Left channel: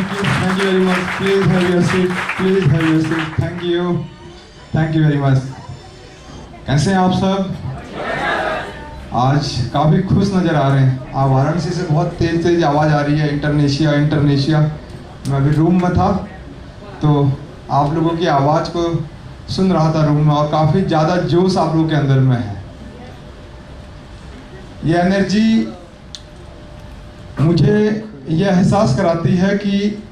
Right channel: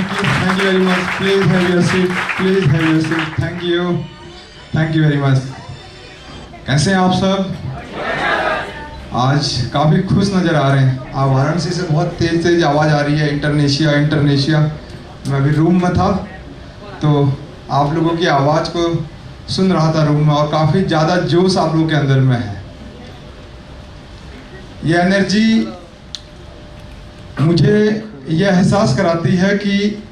Thank you very much. Please have your seat. Please have your seat. Thank you very much. कैसे हैं आप सब? आज काफ़ी खुश नज़र आ रहे हैं। आप वाराणसी से बहुत तेज आवाज़ आ रही है, इंटरनेशिया। मैं अभी रूम में था तो आप लोगों की आवाज़ को सुन रहा था रूम में, और काफ़ी ज़्यादा जोश आप लोगों के अंदर में है। ये एनर्जी मुझे यह एहसास कराती है कि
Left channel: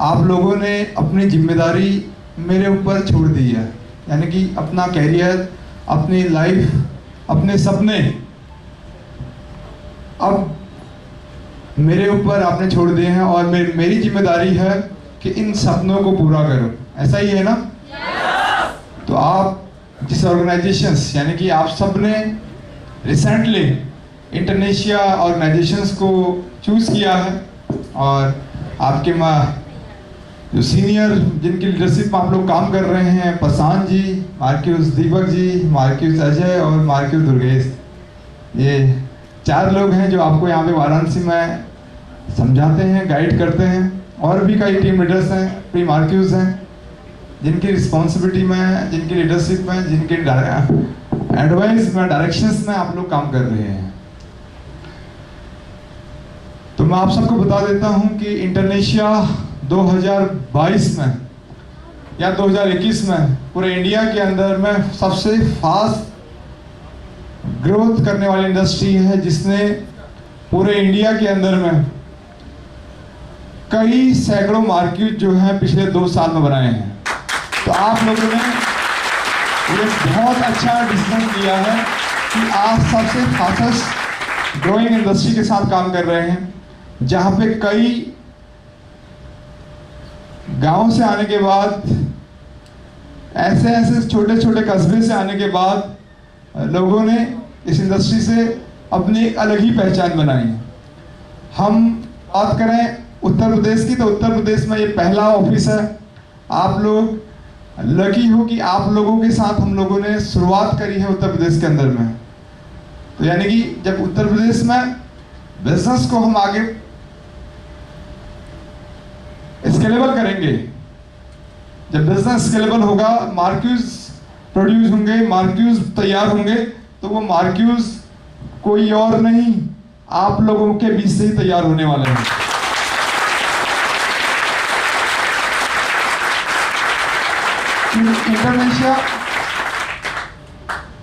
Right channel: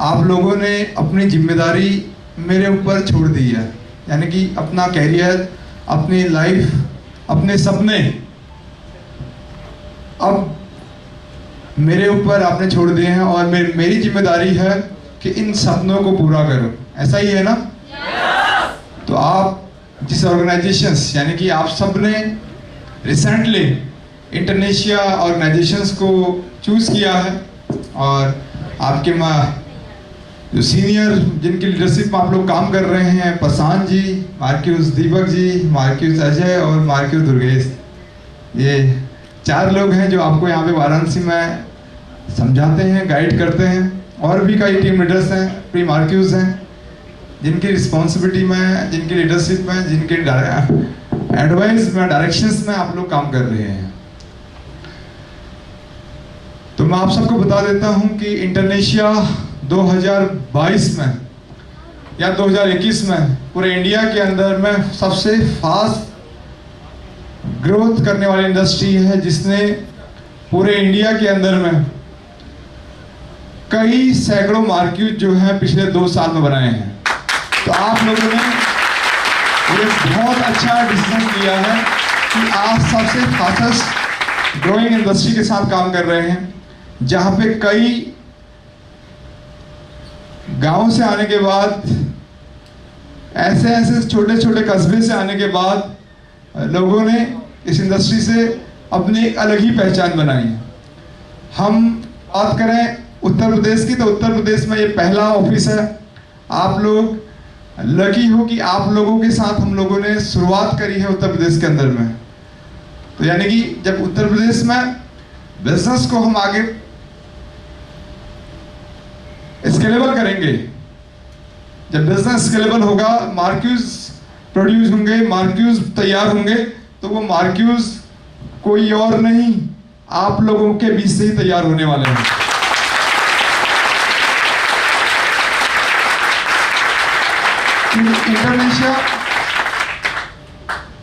आप लोगों ने अपनी जिम्मेदारी मेरे ऊपर छोड़ दी है, यानी कि अपना कैरियर, अपनी लाइफ, अपने सपने अब मेरे ऊपर आपने छोड़ दिए हैं, और मेरी जिम्मेदारी है कि इन सपनों को पूरा करो। ऐसा ही है ना? तो आप जिस ऑर्गेनाइजेशंस, यानी कि आप सब ने रिसेंटली इंटरनेशिया ऑर्गेनाइजेशंस को चूज़ किया है, और आपके जो सीनियर जिनकी लीडरशिप में आप लोग काम कर रहे हैं, प्रशांत जी, मार्क्यूस दीपक जी, मार्क्यूस अजय और मार्क्यूस दुर्गेश, ये 4 लोग हैं जो आपको यहाँ पे वाराणसी में समझाते हैं, गाइड करते हैं। और भी कई टीम लीडर्स हैं, प्री मार्क्यूस हैं, जिनकी रिस्पॉन्सिबिलिटी में, जिनकी लीडरशिप में, जिनकी एडवाइस में, डायरेक्शंस में आप लोग काम कर रहे हैं। तो मैं आप सबको बता देता हूं कि इंटरनेशिया 2022 में या 2021 में पूरे इंडिया के अंदर में सबसे फास्ट ग्रोथ करने वाली इंडस्ट्री है, जिसने पूरे इंडिया के अंदर में कई सैकड़ों मार्केट जो है पिछले 2 साल में बनाए हैं। तो आप लोगों ने ये बहुत अच्छा डिसीजन किया है कि आप सबसे फास्टेस्ट ग्रोइंग इंडस्ट्री के साथ काम कर रहे हैं, जहाँ पे कई गांव से आने के बाद, ऐसे छोटे छोटे कस्बे से आने के बाद लोगों ने इस इंडस्ट्री से अपनी एक अलग ही पहचान बनाई है। हम बात करें उत्तर प्रदेश की, तो उत्तर प्रदेश में ये पहला ऑफिस है। आप लोग लकी हो कि आप लोगों के साथ हम लोगों ने शुरुआत करी है उत्तर प्रदेश के अंदर में। तो यानी कि जब उत्तर प्रदेश में बिजनेस को हम आगे स्केलेबल करेंगे, जब बिजनेस स्केलेबल होगा, मार्क्यूज प्रोड्यूस होंगे, मार्क्यूज तैयार होंगे, तो वो मार्क्यूज कोई और नहीं, आप लोगों के बीच से ही तैयार होने वाले हैं। इंटरनेशिया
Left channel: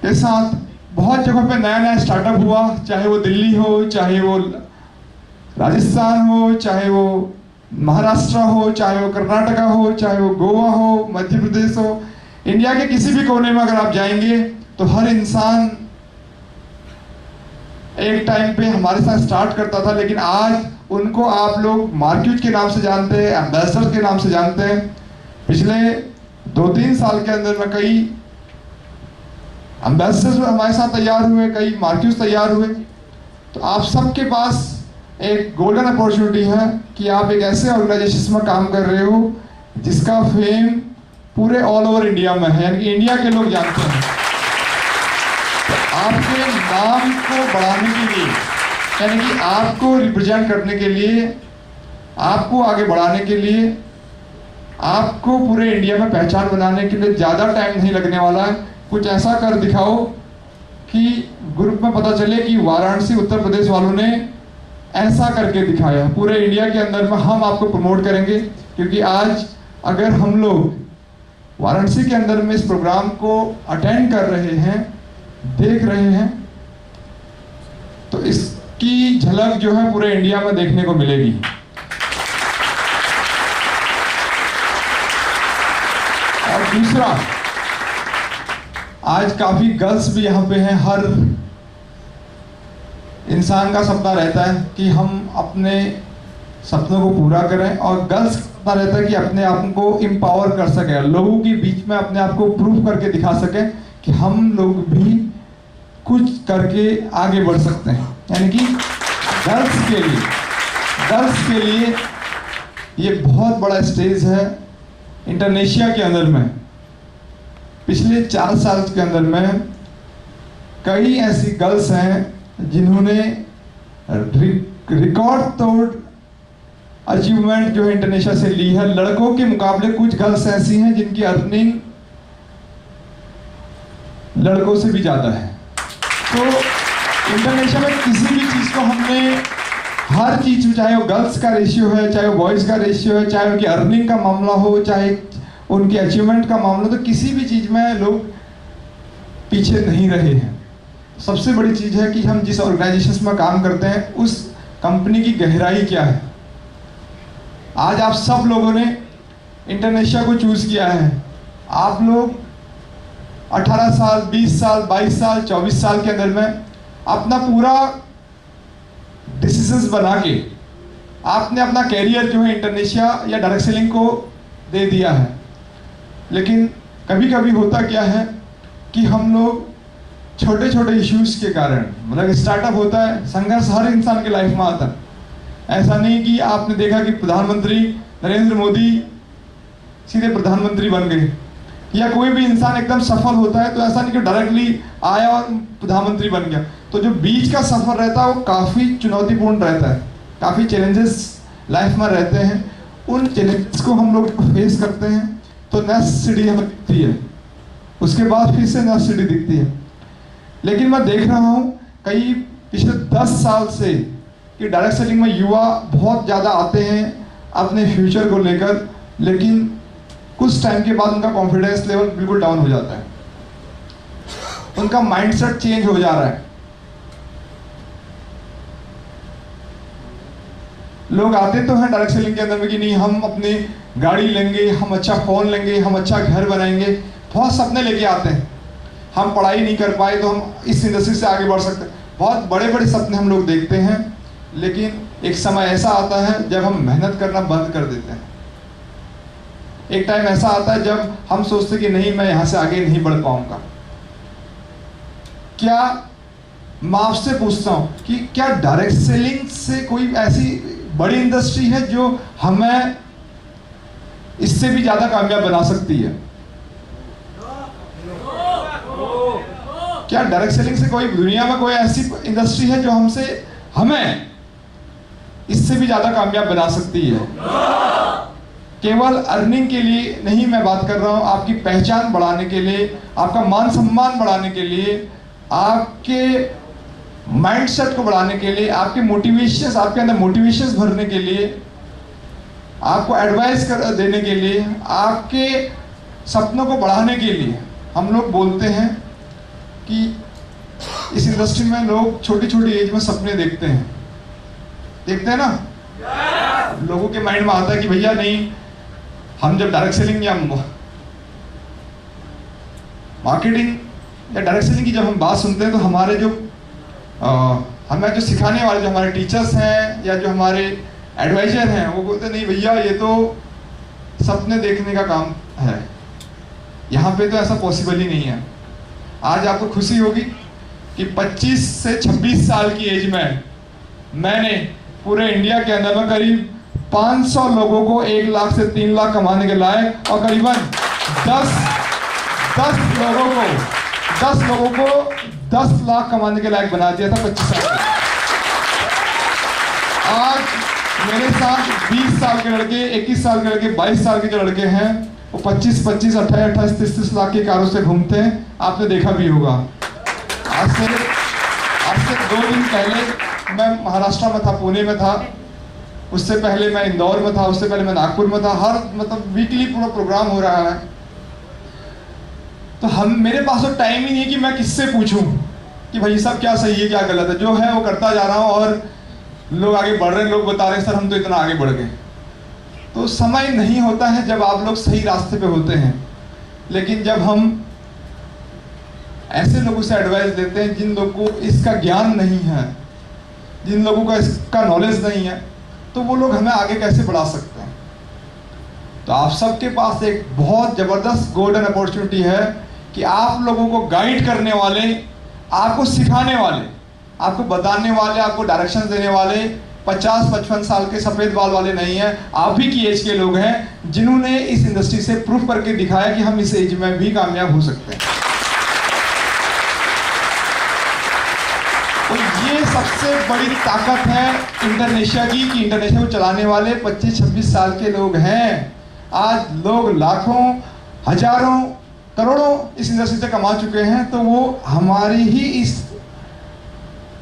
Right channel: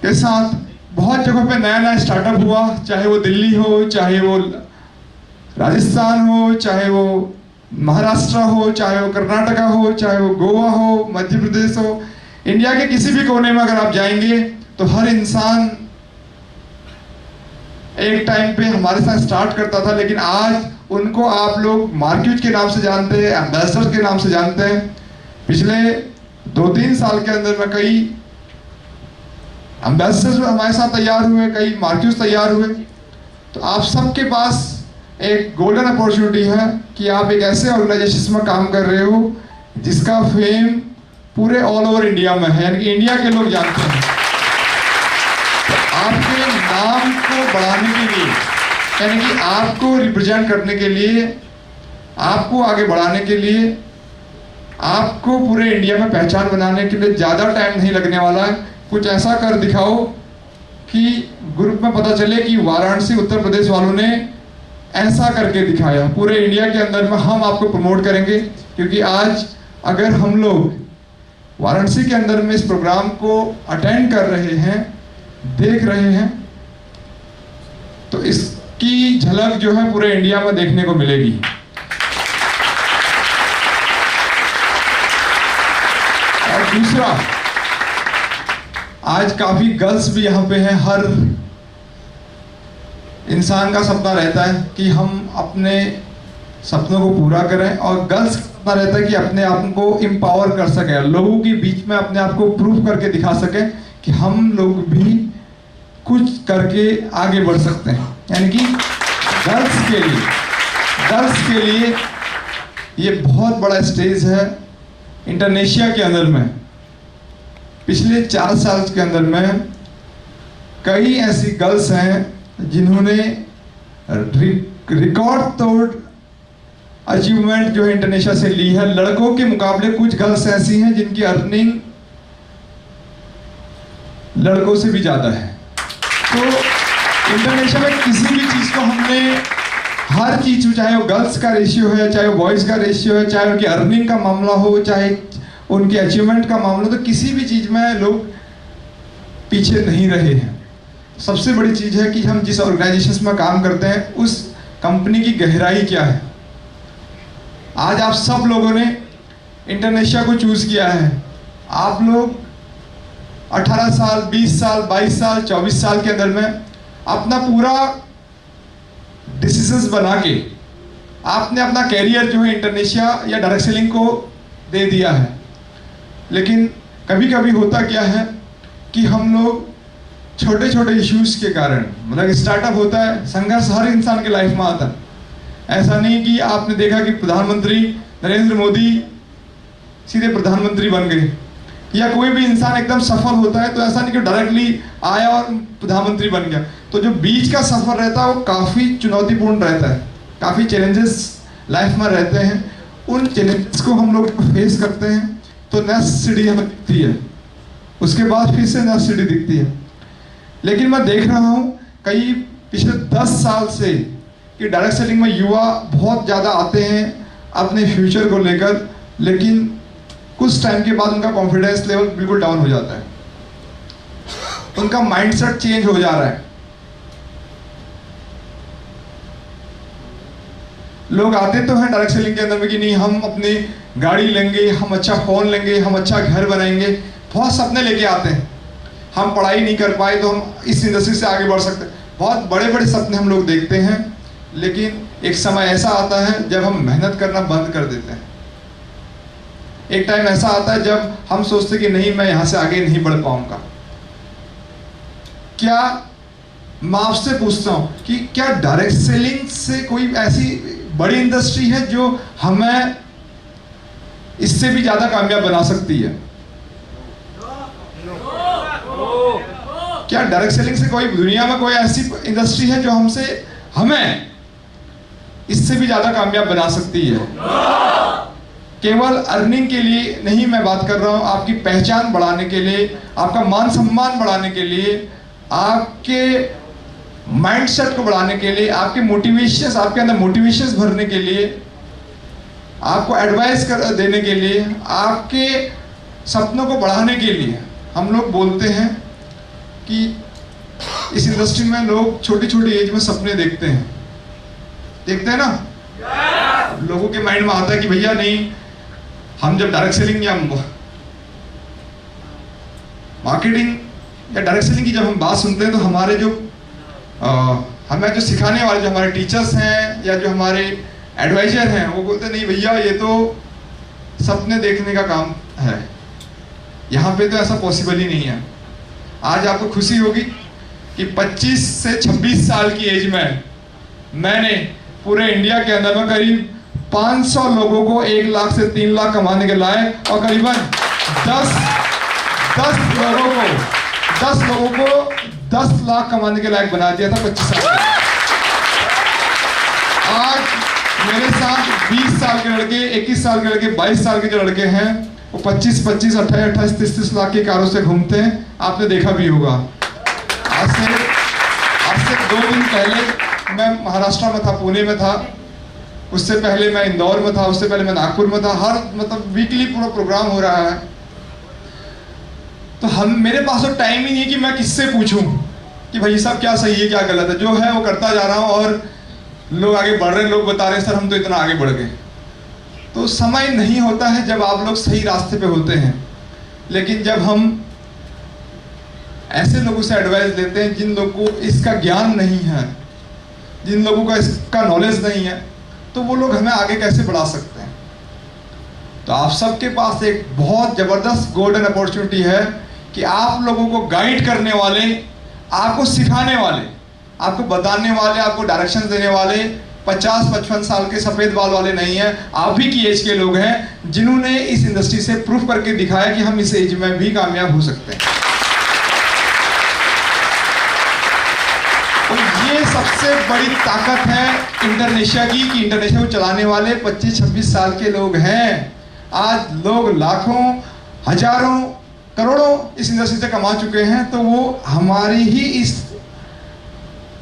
के साथ बहुत जगहों पे नया स्टार्टअप हुआ, चाहे वो दिल्ली हो, चाहे वो राजस्थान हो, चाहे वो महाराष्ट्र हो, चाहे वो कर्नाटका हो, चाहे वो गोवा हो, मध्य प्रदेश हो। इंडिया के किसी भी कोने में अगर आप जाएंगे तो हर इंसान एक टाइम पे हमारे साथ स्टार्ट करता था, लेकिन आज उनको आप लोग मार्केट के नाम से जानते हैं, एम्बेसडर के नाम से जानते हैं। पिछले 2-3 साल के अंदर में कई एम्बेसडर्स हमारे साथ तैयार हुए, कई मार्क्यूज तैयार हुए। तो आप सबके पास एक गोल्डन अपॉर्चुनिटी है कि आप एक ऐसे ऑर्गेनाइजेशन में काम कर रहे हो जिसका फेम पूरे ऑल ओवर इंडिया में है, यानी कि इंडिया के लोग जानते हैं। तो आपके नाम को बढ़ाने के लिए, यानी कि आपको रिप्रेजेंट करने के लिए, आपको आगे बढ़ाने के लिए, आपको पूरे इंडिया में पहचान बनाने के लिए ज़्यादा टाइम नहीं लगने वाला है। कुछ ऐसा कर दिखाओ कि ग्रुप में पता चले कि वाराणसी उत्तर प्रदेश वालों ने ऐसा करके दिखाया। पूरे इंडिया के अंदर में हम आपको प्रमोट करेंगे, क्योंकि आज अगर हम लोग वाराणसी के अंदर में इस प्रोग्राम को अटेंड कर रहे हैं, देख रहे हैं, तो इसकी झलक जो है पूरे इंडिया में देखने को मिलेगी। और दूसरा, आज काफी गर्ल्स भी यहाँ पे हैं। हर इंसान का सपना रहता है कि हम अपने सपनों को पूरा करें, और गर्ल्स का सपना रहता है कि अपने आप को एम्पावर कर सके, लोगों के बीच में अपने आप को प्रूव करके दिखा सके कि हम लोग भी कुछ करके आगे बढ़ सकते हैं। यानी कि गर्ल्स के लिए ये बहुत बड़ा स्टेज है इंटरनेशिया के अंदर में। पिछले 4 साल के अंदर में कई ऐसी गर्ल्स हैं जिन्होंने रिकॉर्ड तोड़ अचीवमेंट जो है इंडोनेशिया से ली है। लड़कों के मुकाबले कुछ गर्ल्स ऐसी हैं जिनकी अर्निंग लड़कों से भी ज़्यादा है। तो इंडोनेशिया में किसी भी चीज़ को हमने, हर चीज़, चाहे वो गर्ल्स का रेशियो है, चाहे वो बॉयज़ का रेशियो है, चाहे उनकी अर्निंग का मामला हो, चाहे उनके अचीवमेंट का मामला, तो किसी भी चीज़ में लोग पीछे नहीं रहे हैं। सबसे बड़ी चीज़ है कि हम जिस ऑर्गेनाइजेशन में काम करते हैं उस कंपनी की गहराई क्या है। आज आप सब लोगों ने इंडोनेशिया को चूज़ किया है। आप लोग 18 साल, 20 साल, 22 साल, 24 साल के अंदर में अपना पूरा डिसीजंस बना के आपने अपना कैरियर जो है इंडोनेशिया या डायरेक्ट सेलिंग को दे दिया है। लेकिन कभी कभी होता क्या है कि हम लोग छोटे छोटे इश्यूज के कारण, मतलब स्टार्टअप होता है, संघर्ष हर इंसान के लाइफ में आता है। ऐसा नहीं कि आपने देखा कि प्रधानमंत्री नरेंद्र मोदी सीधे प्रधानमंत्री बन गए, या कोई भी इंसान एकदम सफल होता है तो ऐसा नहीं कि डायरेक्टली आया और प्रधानमंत्री बन गया। तो जो बीच का सफर रहता है वो काफ़ी चुनौतीपूर्ण रहता है, काफ़ी चैलेंजेस लाइफ में रहते हैं। उन चैलेंजेस को हम लोग फेस करते हैं तो नेक्स्ट सीढ़ी हमें दिखती है, उसके बाद फिर से नेक्स्ट सीढ़ी दिखती है। लेकिन मैं देख रहा हूँ कई पिछले 10 साल से कि डायरेक्ट सेलिंग में युवा बहुत ज़्यादा आते हैं अपने फ्यूचर को लेकर, लेकिन कुछ टाइम के बाद उनका कॉन्फिडेंस लेवल बिल्कुल डाउन हो जाता है, उनका माइंडसेट चेंज हो जा रहा है। लोग आते तो हैं डायरेक्ट सेलिंग के अंदर में कि नहीं हम अपनी गाड़ी लेंगे, हम अच्छा फ़ोन लेंगे, हम अच्छा घर बनाएंगे, बहुत सपने लेके आते हैं। हम पढ़ाई नहीं कर पाए तो हम इस इंडस्ट्री से आगे बढ़ सकते हैं, बहुत बड़े बड़े सपने हम लोग देखते हैं। लेकिन एक समय ऐसा आता है जब हम मेहनत करना बंद कर देते हैं। एक टाइम ऐसा आता है जब हम सोचते कि नहीं, मैं यहाँ से आगे नहीं बढ़ पाऊंगा। क्या मैं आपसे पूछता हूँ कि क्या डायरेक्ट सेलिंग से कोई ऐसी बड़ी इंडस्ट्री है जो हमें इससे भी ज़्यादा कामयाब बना सकती है? क्या डायरेक्ट सेलिंग से कोई दुनिया में कोई ऐसी इंडस्ट्री है जो हमें इससे भी ज़्यादा कामयाब बना सकती है? केवल अर्निंग के लिए नहीं मैं बात कर रहा हूँ, आपकी पहचान बढ़ाने के लिए, आपका मान सम्मान बढ़ाने के लिए, आपके माइंडसेट को बढ़ाने के लिए, आपके मोटिवेशन, आपके अंदर मोटिवेशंस भरने के लिए, आपको एडवाइस देने के लिए, आपके सपनों को बढ़ाने के लिए। हम लोग बोलते हैं कि इस इंडस्ट्री में लोग छोटी छोटी एज में सपने देखते हैं ना। लोगों के माइंड में आता है कि भैया नहीं, हम जब डायरेक्ट सेलिंग या मार्केटिंग या डायरेक्ट सेलिंग की जब हम बात सुनते हैं तो हमारे जो हमें जो सिखाने वाले जो हमारे टीचर्स हैं या जो हमारे एडवाइजर हैं वो बोलते नहीं भैया ये तो सपने देखने का काम है, यहाँ पे तो ऐसा पॉसिबल ही नहीं है। आज आपको खुशी होगी कि 25 से 26 साल की एज में मैंने पूरे इंडिया के अंदर में करीब 500 लोगों को 1 लाख से 3 लाख कमाने के लायक और करीबन 10 लोगों को 10 लाख कमाने के लायक बना दिया था 25 साल में। आज मेरे साथ 20 साल के लड़के, 21 साल के लड़के, 22 साल के जो लड़के हैं वो 25, 28, 28, 30 लाख की कारों से घूमते हैं। आपने देखा भी होगा। आज से 2 दिन पहले मैं महाराष्ट्र में था, पुणे में था, उससे पहले मैं इंदौर में था, उससे पहले मैं नागपुर में था। हर मतलब वीकली पूरा प्रोग्राम हो रहा है। तो मेरे पास तो टाइम ही नहीं है कि मैं किससे पूछूं कि भाई सब क्या सही है क्या गलत है। जो है वो करता जा रहा हूं और लोग आगे बढ़ रहे हैं, लोग बता रहे हैं सर हम तो इतना आगे बढ़ गए। तो समय नहीं होता है जब आप लोग सही रास्ते पे होते हैं। लेकिन जब हम ऐसे लोगों से एडवाइस लेते हैं जिन लोगों को इसका ज्ञान नहीं है, जिन लोगों को इसका नॉलेज नहीं है, तो वो लोग हमें आगे कैसे बढ़ा सकते हैं। तो आप सबके पास एक बहुत ज़बरदस्त गोल्डन अपॉर्चुनिटी है कि आप लोगों को गाइड करने वाले, आपको सिखाने वाले, आपको बताने वाले, आपको डायरेक्शन देने वाले 50-55 साल के सफ़ेद बाल वाले नहीं हैं। आप ही की एज के लोग हैं जिन्होंने इस इंडस्ट्री से प्रूफ करके दिखाया कि हम इस एज में भी कामयाब हो सकते हैं। तो ये सबसे सबसे बड़ी ताकत है इंडोनेशिया की, कि इंडोनेशिया को चलाने वाले 25-26 साल के लोग हैं। आज लोग लाखों, हजारों, करोड़ों इस इंडस्ट्री से कमा चुके हैं, तो वो हमारी ही इस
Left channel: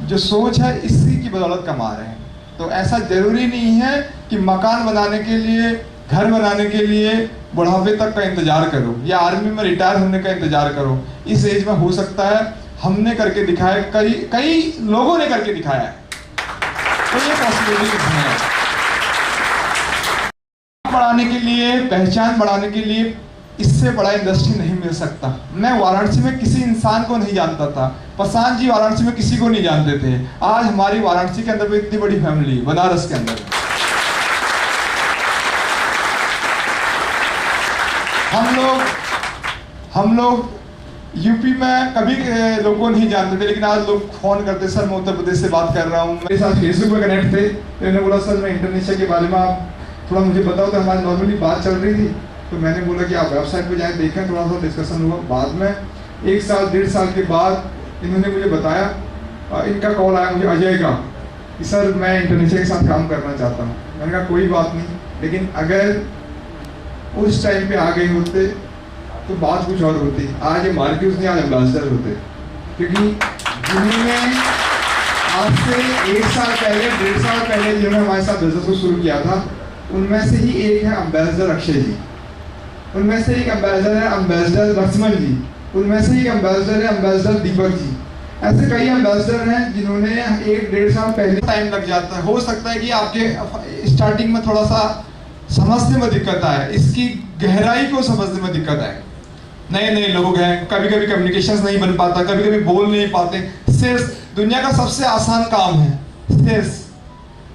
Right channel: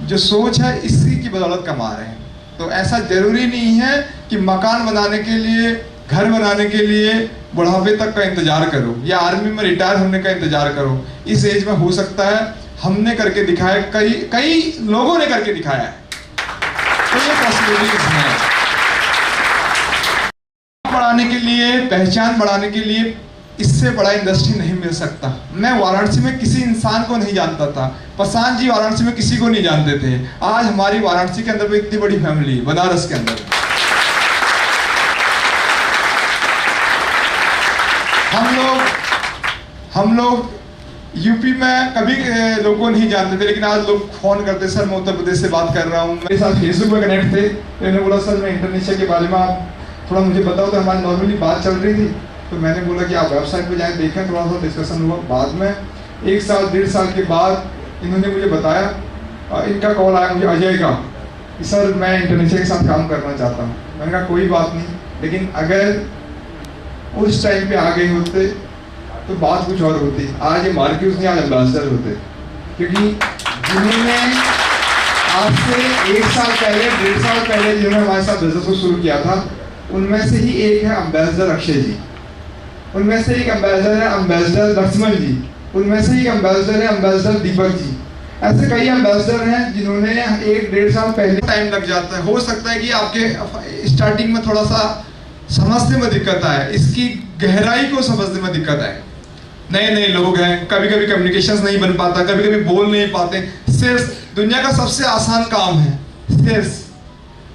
जो सोच है इसी की बदौलत कमा रहे हैं। तो ऐसा जरूरी नहीं है कि मकान बनाने के लिए, घर बनाने के लिए बुढ़ापे तक का इंतजार करो या आर्मी में रिटायर होने का इंतजार करो। इस एज में हो सकता है, हमने करके दिखाया, कई लोगों ने करके दिखाया है, तो ये पॉसिबिलिटीज हैं। बढ़ाने के लिए, पहचान बढ़ाने के लिए इससे बड़ा इंडस्ट्री नहीं मिल सकता। मैं वाराणसी में किसी इंसान को नहीं जानता था, प्रशांत जी वाराणसी में किसी को नहीं जानते थे। आज हमारी वाराणसी के अंदर भी इतनी बड़ी फैमिली, बनारस के अंदर हम लोग यूपी में कभी लोगों को नहीं जानते थे, लेकिन आज लोग फोन करते, सर मैं उत्तर प्रदेश से बात कर रहा हूँ। मेरे साथ फेसबुक पे कनेक्ट थे, तो इन्होंने बोला सर मैं इंडोनेशिया के बारे में आप थोड़ा मुझे बताओ। तो हमारी नॉर्मली बात चल रही थी, तो मैंने बोला कि आप वेबसाइट पे जाएं, देखें, थोड़ा सा डिस्कशन हुआ। बाद में 1 साल 1.5 साल के बाद इन्होंने मुझे बताया, इनका कॉल आया मुझे अजय का, कि सर मैं इंडोनेशिया के साथ काम करना चाहता हूँ। मैंने कहा कोई बात नहीं, लेकिन अगर उस टाइम पे आ गए होते तो बात कुछ और होती। आज ये मार्क्यूस नहीं, आज एम्बेसडर होते, क्योंकि जिन्होंने आज से 1 साल पहले, 1.5 साल पहले जिन्होंने हमारे साथ बिजनेस को शुरू किया था, उनमें से ही एक है एम्बेसडर अक्षय जी, उनमें से एक एम्बेसडर है एम्बेसडर लक्ष्मण जी, उनमें से एक एम्बेसडर है एम्बेसडर दीपक जी। ऐसे कई एम्बेसडर हैं जिन्होंने 1-1.5 साल पहले। टाइम लग जाता है, हो सकता है कि आपके स्टार्टिंग में थोड़ा सा समझने में दिक्कत आए, इसकी गहराई को समझने में दिक्कत आए। नए लोग हैं, कभी कभी कम्युनिकेशंस नहीं बन पाता, कभी कभी बोल नहीं पाते। सेल्स दुनिया का सबसे आसान काम है, सेल्स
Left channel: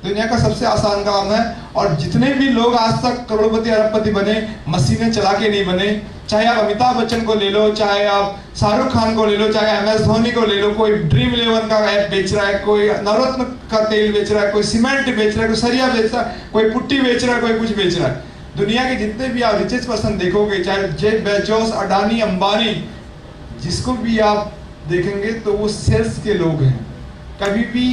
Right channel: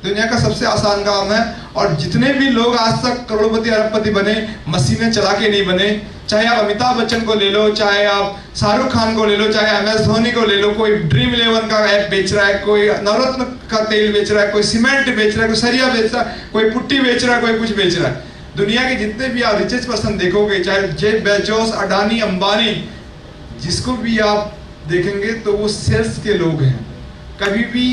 दुनिया का सबसे आसान काम है। और जितने भी लोग आज तक करोड़पति अरबपति बने, मशीनें चला के नहीं बने। चाहे आप अमिताभ बच्चन को ले लो, चाहे आप शाहरुख खान को ले लो, चाहे MS धोनी को ले लो, कोई ड्रीम 11 का ऐप बेच रहा है, कोई नवरत्न का तेल बेच रहा है, कोई सीमेंट बेच रहा है, कोई सरिया बेच रहा है, कोई पुट्टी बेच रहा है, कोई कुछ बेच रहा है। दुनिया के जितने भी आप रिचेस्ट पर्सन देखोगे, चाहे जेफ बेजोस, अडानी, अंबानी, जिसको भी आप देखेंगे तो वो सेल्स के लोग हैं। कभी भी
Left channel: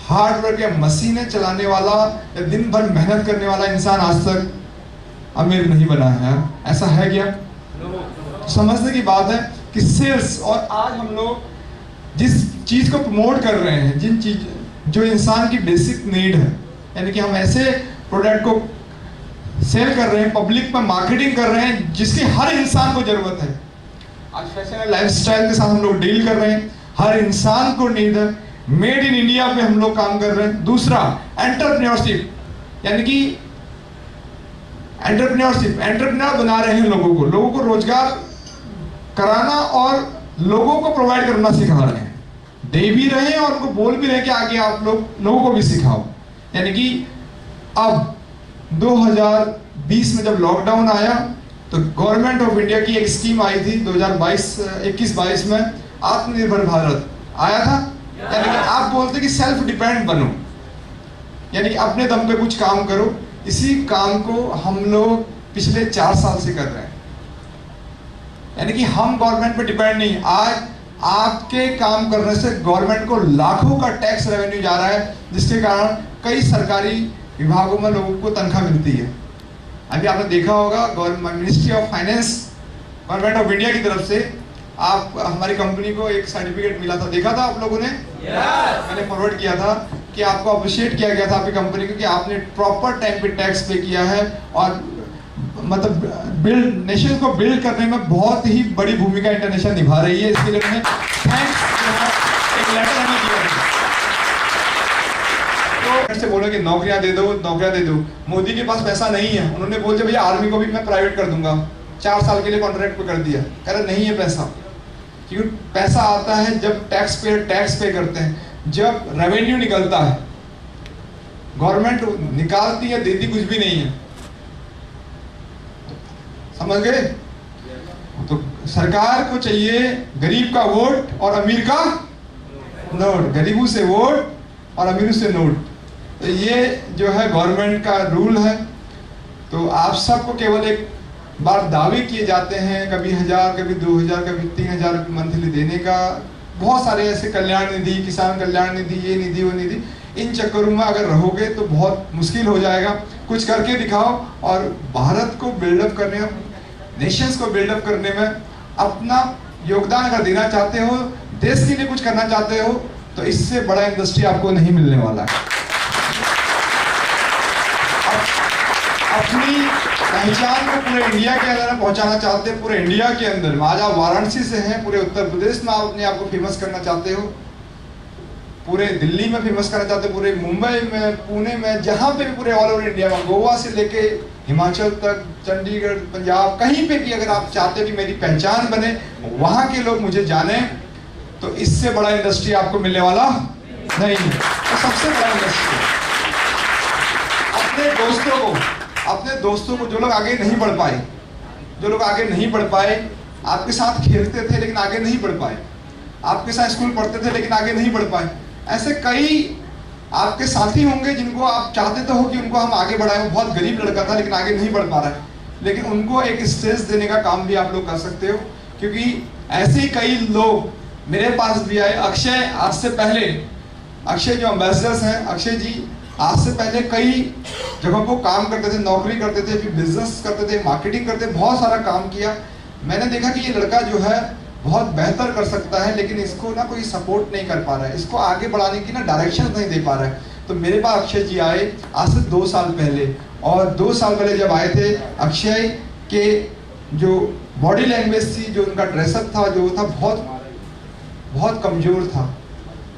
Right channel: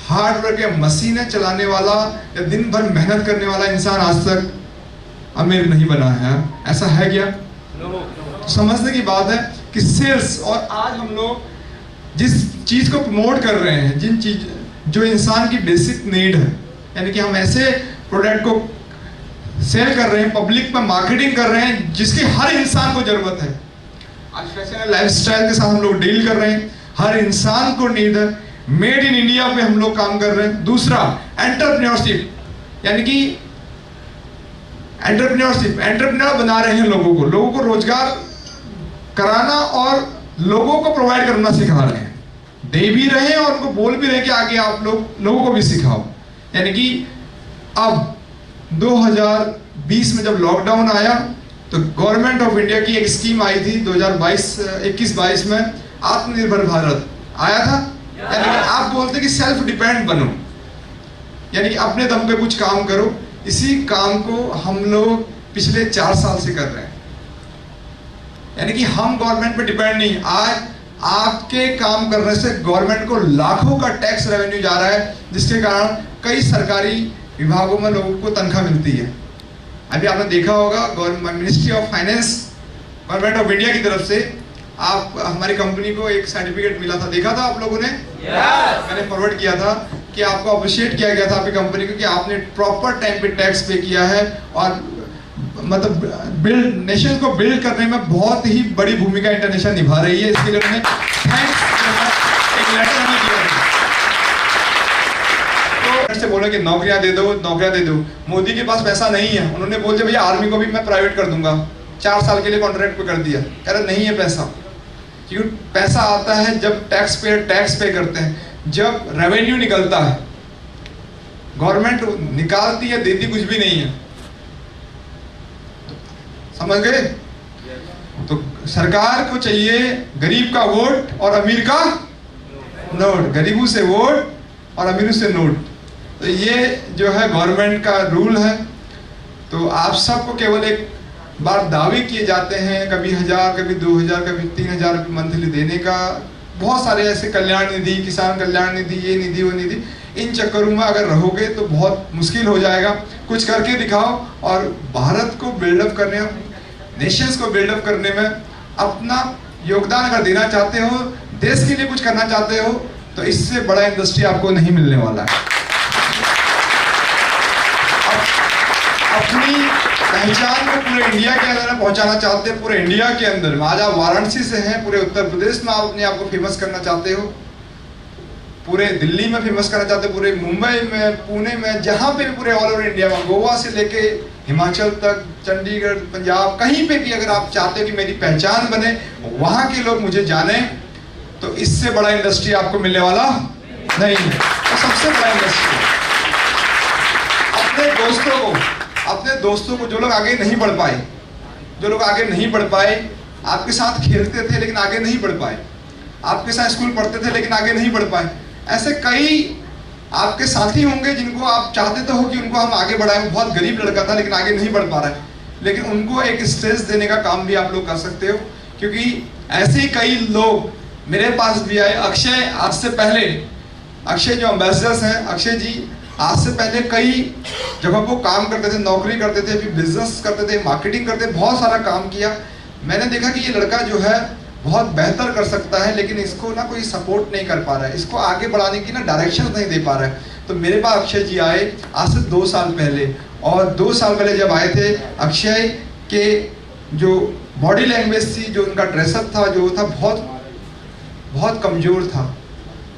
हार्ड वर्क या मशीनें चलाने वाला या दिन भर मेहनत करने वाला इंसान आज तक अमीर नहीं बना है। ऐसा है क्या? समझने की बात है कि सेल्स, और आज हम लोग जिस चीज को प्रमोट कर रहे हैं, जिन चीज जो इंसान की बेसिक नीड है, यानी कि हम ऐसे प्रोडक्ट को सेल कर रहे हैं, पब्लिक में मार्केटिंग कर रहे हैं जिसकी हर इंसान को जरूरत है। आज फैशन एंड लाइफस्टाइल के साथ हम लोग डील कर रहे हैं, हर इंसान को नीड है। मेड इन इंडिया पे हम लोग काम कर रहे हैं। दूसरा एंटरप्रेन्योरशिप, यानी कि एंटरप्रेन्योर बना रहे हैं लोगों को रोजगार कराना और लोगों को प्रोवाइड करना सिखा रहे हैं। दे भी रहे हैं और उनको बोल भी रहे हैं कि आगे आप लोगों को भी सिखाओ। यानी कि अब 2020 में जब लॉकडाउन आया तो गवर्नमेंट ऑफ इंडिया की एक स्कीम आई थी 2021-22 में, आत्मनिर्भर भारत आया था। यानी कि आप बोलते कि सेल्फ डिपेंड बनो, यानी कि अपने दम पे कुछ काम करो। इसी काम को हम लोग पिछले 4 साल से कर रहे हैं। यानी कि हम गवर्नमेंट पे डिपेंड नहीं। आज आपके काम करने से गवर्नमेंट को लाखों का टैक्स रेवेन्यू जा रहा है, जिसके कारण कई सरकारी विभागों में लोगों को तनख्वाह मिलती है। अभी आपने देखा होगा government ministry of finance, government of India की तरफ से आप हमारी कंपनी को एक सर्टिफिकेट मिला था, देखा था आप लोगों ने? मैंने फॉरवर्ड किया था कि आपको अप्रिशिएट किया गया था आपकी कंपनी को कि आपने प्रॉपर टाइम पे टैक्स पे किया है और मतलब नेशन को बिल्ड करने में बहुत ही बड़ी भूमिका इंटरनेशनल निभा रही है। इसके लिए उन्होंने थैंक्स एक लेटर हमें दिया तो से बोला कि नौकरियां दे दो। मोदी के पास पैसा नहीं है, उन्होंने बोल दिया भैया आर्मी को भी मैं प्राइवेट कर दूंगा, 4 साल के लिए कॉन्ट्रैक्ट पे कर दिया। कह रहे नहीं है पैसा, क्योंकि पैसा आता है जब टैक्स पे करते हैं, जब रेवेन्यू निकलता है। गवर्नमेंट निकालती है, देती कुछ भी नहीं है। समझ गए? तो सरकार को चाहिए गरीब का वोट और अमीर का नोट, गरीबों से वोट और अमीरों से नोट। तो ये जो है गवर्नमेंट का रूल है। तो आप सबको केवल एक बार दावे किए जाते हैं, कभी 1000, कभी 2000, कभी 3000 मंथली देने का, बहुत सारे ऐसे कल्याण निधि, किसान कल्याण निधि, ये निधि वो निधि, इन चक्करों में अगर रहोगे तो बहुत मुश्किल हो जाएगा। कुछ करके दिखाओ और भारत को बिल्डअप करने, नेशंस को बिल्डअप करने में अपना योगदान अगर देना चाहते हो, देश के लिए कुछ करना चाहते हो, तो इससे बड़ा इंडस्ट्री आपको नहीं मिलने वाला है। अपनी पहचान को पूरे इंडिया के अंदर पहुंचाना चाहते हैं, पूरे इंडिया के अंदर। आज आप वाराणसी से हैं, पूरे उत्तर प्रदेश में आप अपने आप को फेमस करना चाहते हो, पूरे दिल्ली में फेमस करना चाहते हो, पूरे मुंबई में, पुणे में, जहां पे भी पूरे ऑल ओवर इंडिया में, गोवा से लेके हिमाचल तक, चंडीगढ़, पंजाब, कहीं पे भी अगर आप चाहते हो कि मेरी पहचान बने, वहां के लोग मुझे जाने, तो इससे बड़ा इंडस्ट्री आपको मिलने वाला नहीं है। तो सबसे बड़ा इंडस्ट्री अपने दोस्तों को जो लोग आगे नहीं बढ़ पाए, जो लोग आगे नहीं बढ़ पाए, आपके साथ खेलते थे लेकिन आगे नहीं बढ़ पाए, आपके साथ स्कूल पढ़ते थे लेकिन आगे नहीं बढ़ पाए, ऐसे कई आपके साथी होंगे जिनको आप चाहते तो हो कि उनको हम आगे बढ़ाएं। बहुत गरीब लड़का था लेकिन आगे नहीं बढ़ पा रहा है, लेकिन उनको एक स्टेज देने का काम भी आप लोग कर सकते हो, क्योंकि ऐसे ही कई लोग मेरे पास भी आए। अक्षय, आज से पहले, अक्षय जो एम्बेसडर्स हैं, अक्षय जी आज से पहले कई जगहों को काम करते थे, नौकरी करते थे, फिर बिजनेस करते थे, मार्केटिंग करते, बहुत सारा काम किया। मैंने देखा कि ये लड़का जो है बहुत बेहतर कर सकता है, लेकिन इसको ना कोई सपोर्ट नहीं कर पा रहा है, इसको आगे बढ़ाने की ना डायरेक्शन नहीं दे पा रहा है। तो मेरे पास अक्षय जी आए आज से 2 साल पहले, और 2 साल पहले जब आए थे, अक्षय के जो बॉडी लैंग्वेज थी, जो उनका ड्रेसअप था, जो था बहुत कमजोर था,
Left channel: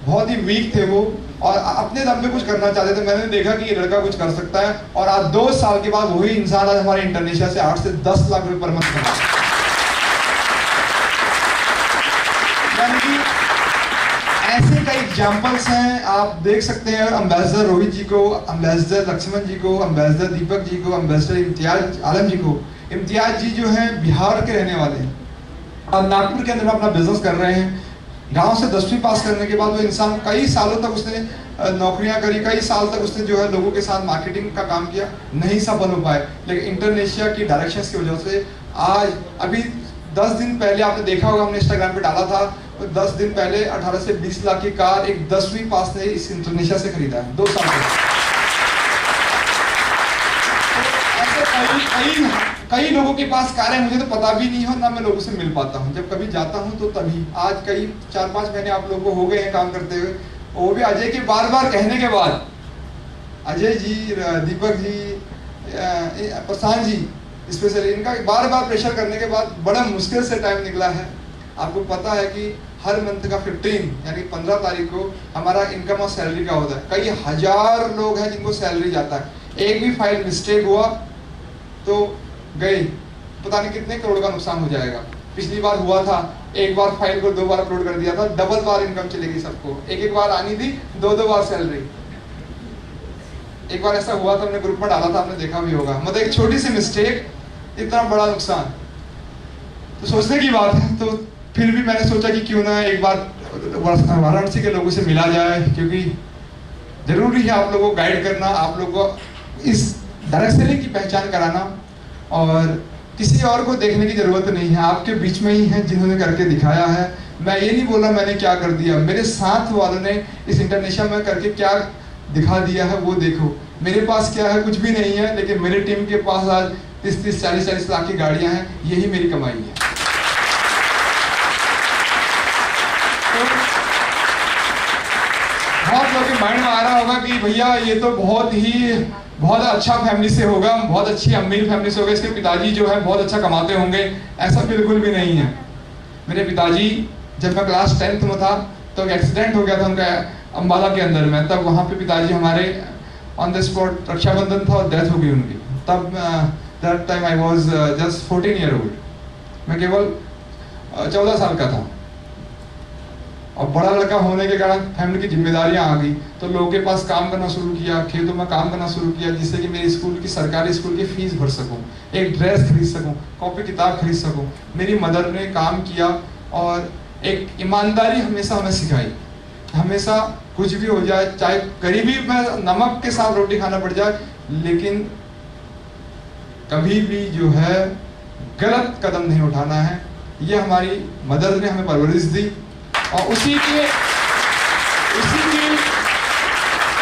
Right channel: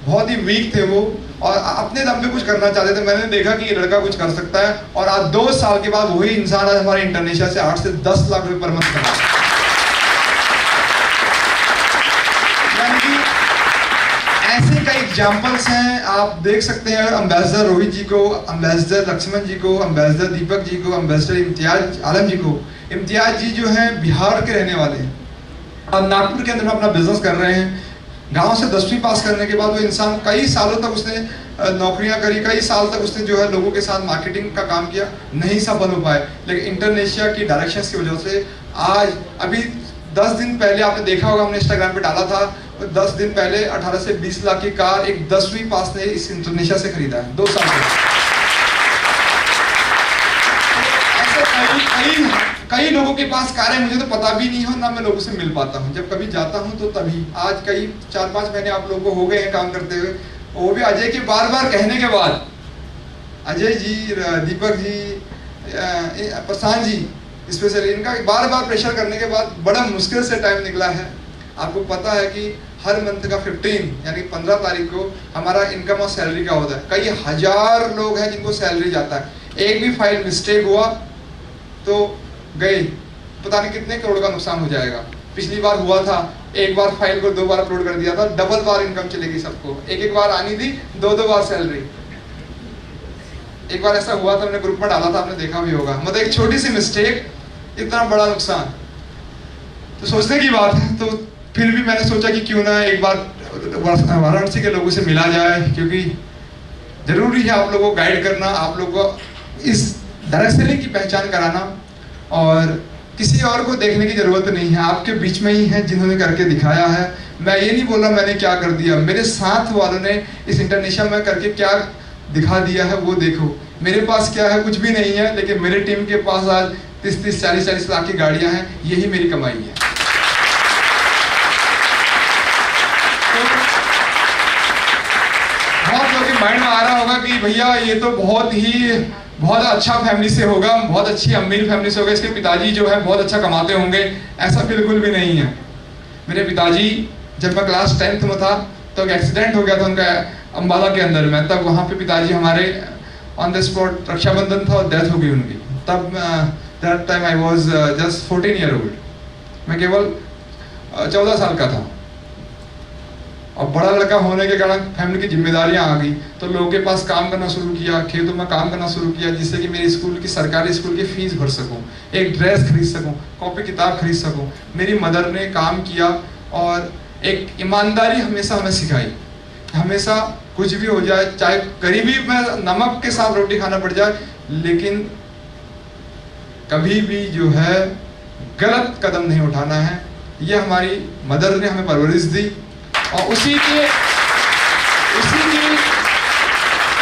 बहुत ही वीक थे वो, और अपने दम पे कुछ करना चाहते थे। मैंने देखा कि ये लड़का कुछ कर सकता है, और आज 2 साल के बाद वही इंसान आज हमारे इंटरनेशनल से 8 से 10 लाख रुपए पर मंथ कमा रहा है। यानी कि ऐसे कई एग्जाम्पल्स हैं, आप देख सकते हैं। एम्बेसडर रोहित जी को, एम्बेसडर लक्ष्मण जी को, एम्बेसडर दीपक जी को, एम्बेसडर इम्तियाज आलम जी को। इम्तियाज जी जो हैं बिहार के रहने वाले हैं, और नागपुर के अंदर में अपना बिजनेस कर रहे हैं। गांव से 10वीं पास करने के बाद वो इंसान कई सालों तक उसने नौकरियां करी, कई साल तक उसने जो है लोगों के साथ मार्केटिंग का काम किया, नहीं सफल हो पाए, लेकिन इंटरनेशिया की डायरेक्शंस की वजह से आज, अभी 10 दिन पहले आपने देखा होगा, हमने इंस्टाग्राम पे डाला था, 10 दिन पहले 18 से 20 लाख की कार एक 10वीं पास ने इस इंडोनेशिया से खरीदा है 2 साल पहले। ऐसे कई लोगों के पास कार है, मुझे तो पता भी नहीं हो, ना मैं लोगों से मिल पाता हूँ, जब कभी जाता हूँ तो तभी। आज कई 4-5 महीने आप लोगों को हो गए हैं काम करते हुए, वो भी अजय के बार बार कहने के बाद, अजय जी, दीपक जी, प्रशांत जी स्पेशली, इनका बार बार प्रेशर करने के बाद बड़ा मुश्किल से टाइम निकला है। आपको पता है कि हर मंथ का 15 यानी 15 तारीख को हमारा इनकम और सैलरी का होता है। कई हजार लोग हैं जिनको सैलरी जाता है, एक भी फाइल मिस्टेक हुआ तो गई, पता नहीं कितने करोड़ का नुकसान हो जाएगा। पिछली बार हुआ था, एक बार फाइल को 2 बार अपलोड कर दिया था, डबल बार इनकम चलेगी सबको, एक बार आनी थी, 2 बार सैलरी। एक बार ऐसा हुआ था, हमने ग्रुप में डाला था, आपने देखा भी होगा, मतलब एक छोटी सी मिस्टेक, इतना बड़ा नुकसान। तो सोचने की बात है। तो फिर भी मैंने सोचा कि क्यों ना एक बार वाराणसी के लोगों से मिला जाए, क्योंकि जरूरी है आप लोगों को गाइड करना, आप लोगों को इस डायरेक्शन की पहचान कराना, और किसी और को देखने की जरूरत नहीं है, आपके बीच में ही है जिन्होंने करके दिखाया है। मैं ये नहीं बोल रहा मैंने क्या कर दिया, मेरे साथ वालों ने इस इंटरनेशनल में करके क्या दिखा दिया है वो देखो। मेरे पास क्या है, कुछ भी नहीं है, लेकिन मेरे टीम के पास आज 30-30, 40-40 लाख की गाड़ियां हैं, यही मेरी कमाई है। तो बहुत लोगों के माइंड में आ रहा होगा कि भैया ये तो बहुत अच्छा फैमिली से होगा, बहुत अच्छी अमीर फैमिली से होगा, इसके पिताजी जो है बहुत अच्छा कमाते होंगे। ऐसा बिल्कुल भी नहीं है। मेरे पिताजी, जब मैं क्लास 10th में था तो एक एक्सीडेंट हो गया था उनका अम्बाला के अंदर में, तब वहाँ पे पिताजी हमारे ऑन द स्पॉट, रक्षाबंधन था और डेथ हो गई उनकी। तब that time I was just 14 year old, मैं केवल 14 साल का था, और बड़ा लड़का होने के कारण फैमिली की जिम्मेदारियां आ गई, तो लोगों के पास काम करना शुरू किया, खेतों में काम करना शुरू किया, जिससे कि मेरी स्कूल की, सरकारी स्कूल की फीस भर सकूं, एक ड्रेस खरीद सकूं, कॉपी किताब खरीद सकूं। मेरी मदर ने काम किया और एक ईमानदारी हमेशा हमें सिखाई। हमेशा कुछ भी हो जाए, चाहे गरीबी में नमक के साथ रोटी खाना पड़ जाए, लेकिन कभी भी जो है गलत कदम नहीं उठाना है। ये हमारी मदर ने हमें परवरिश दी। और उसी की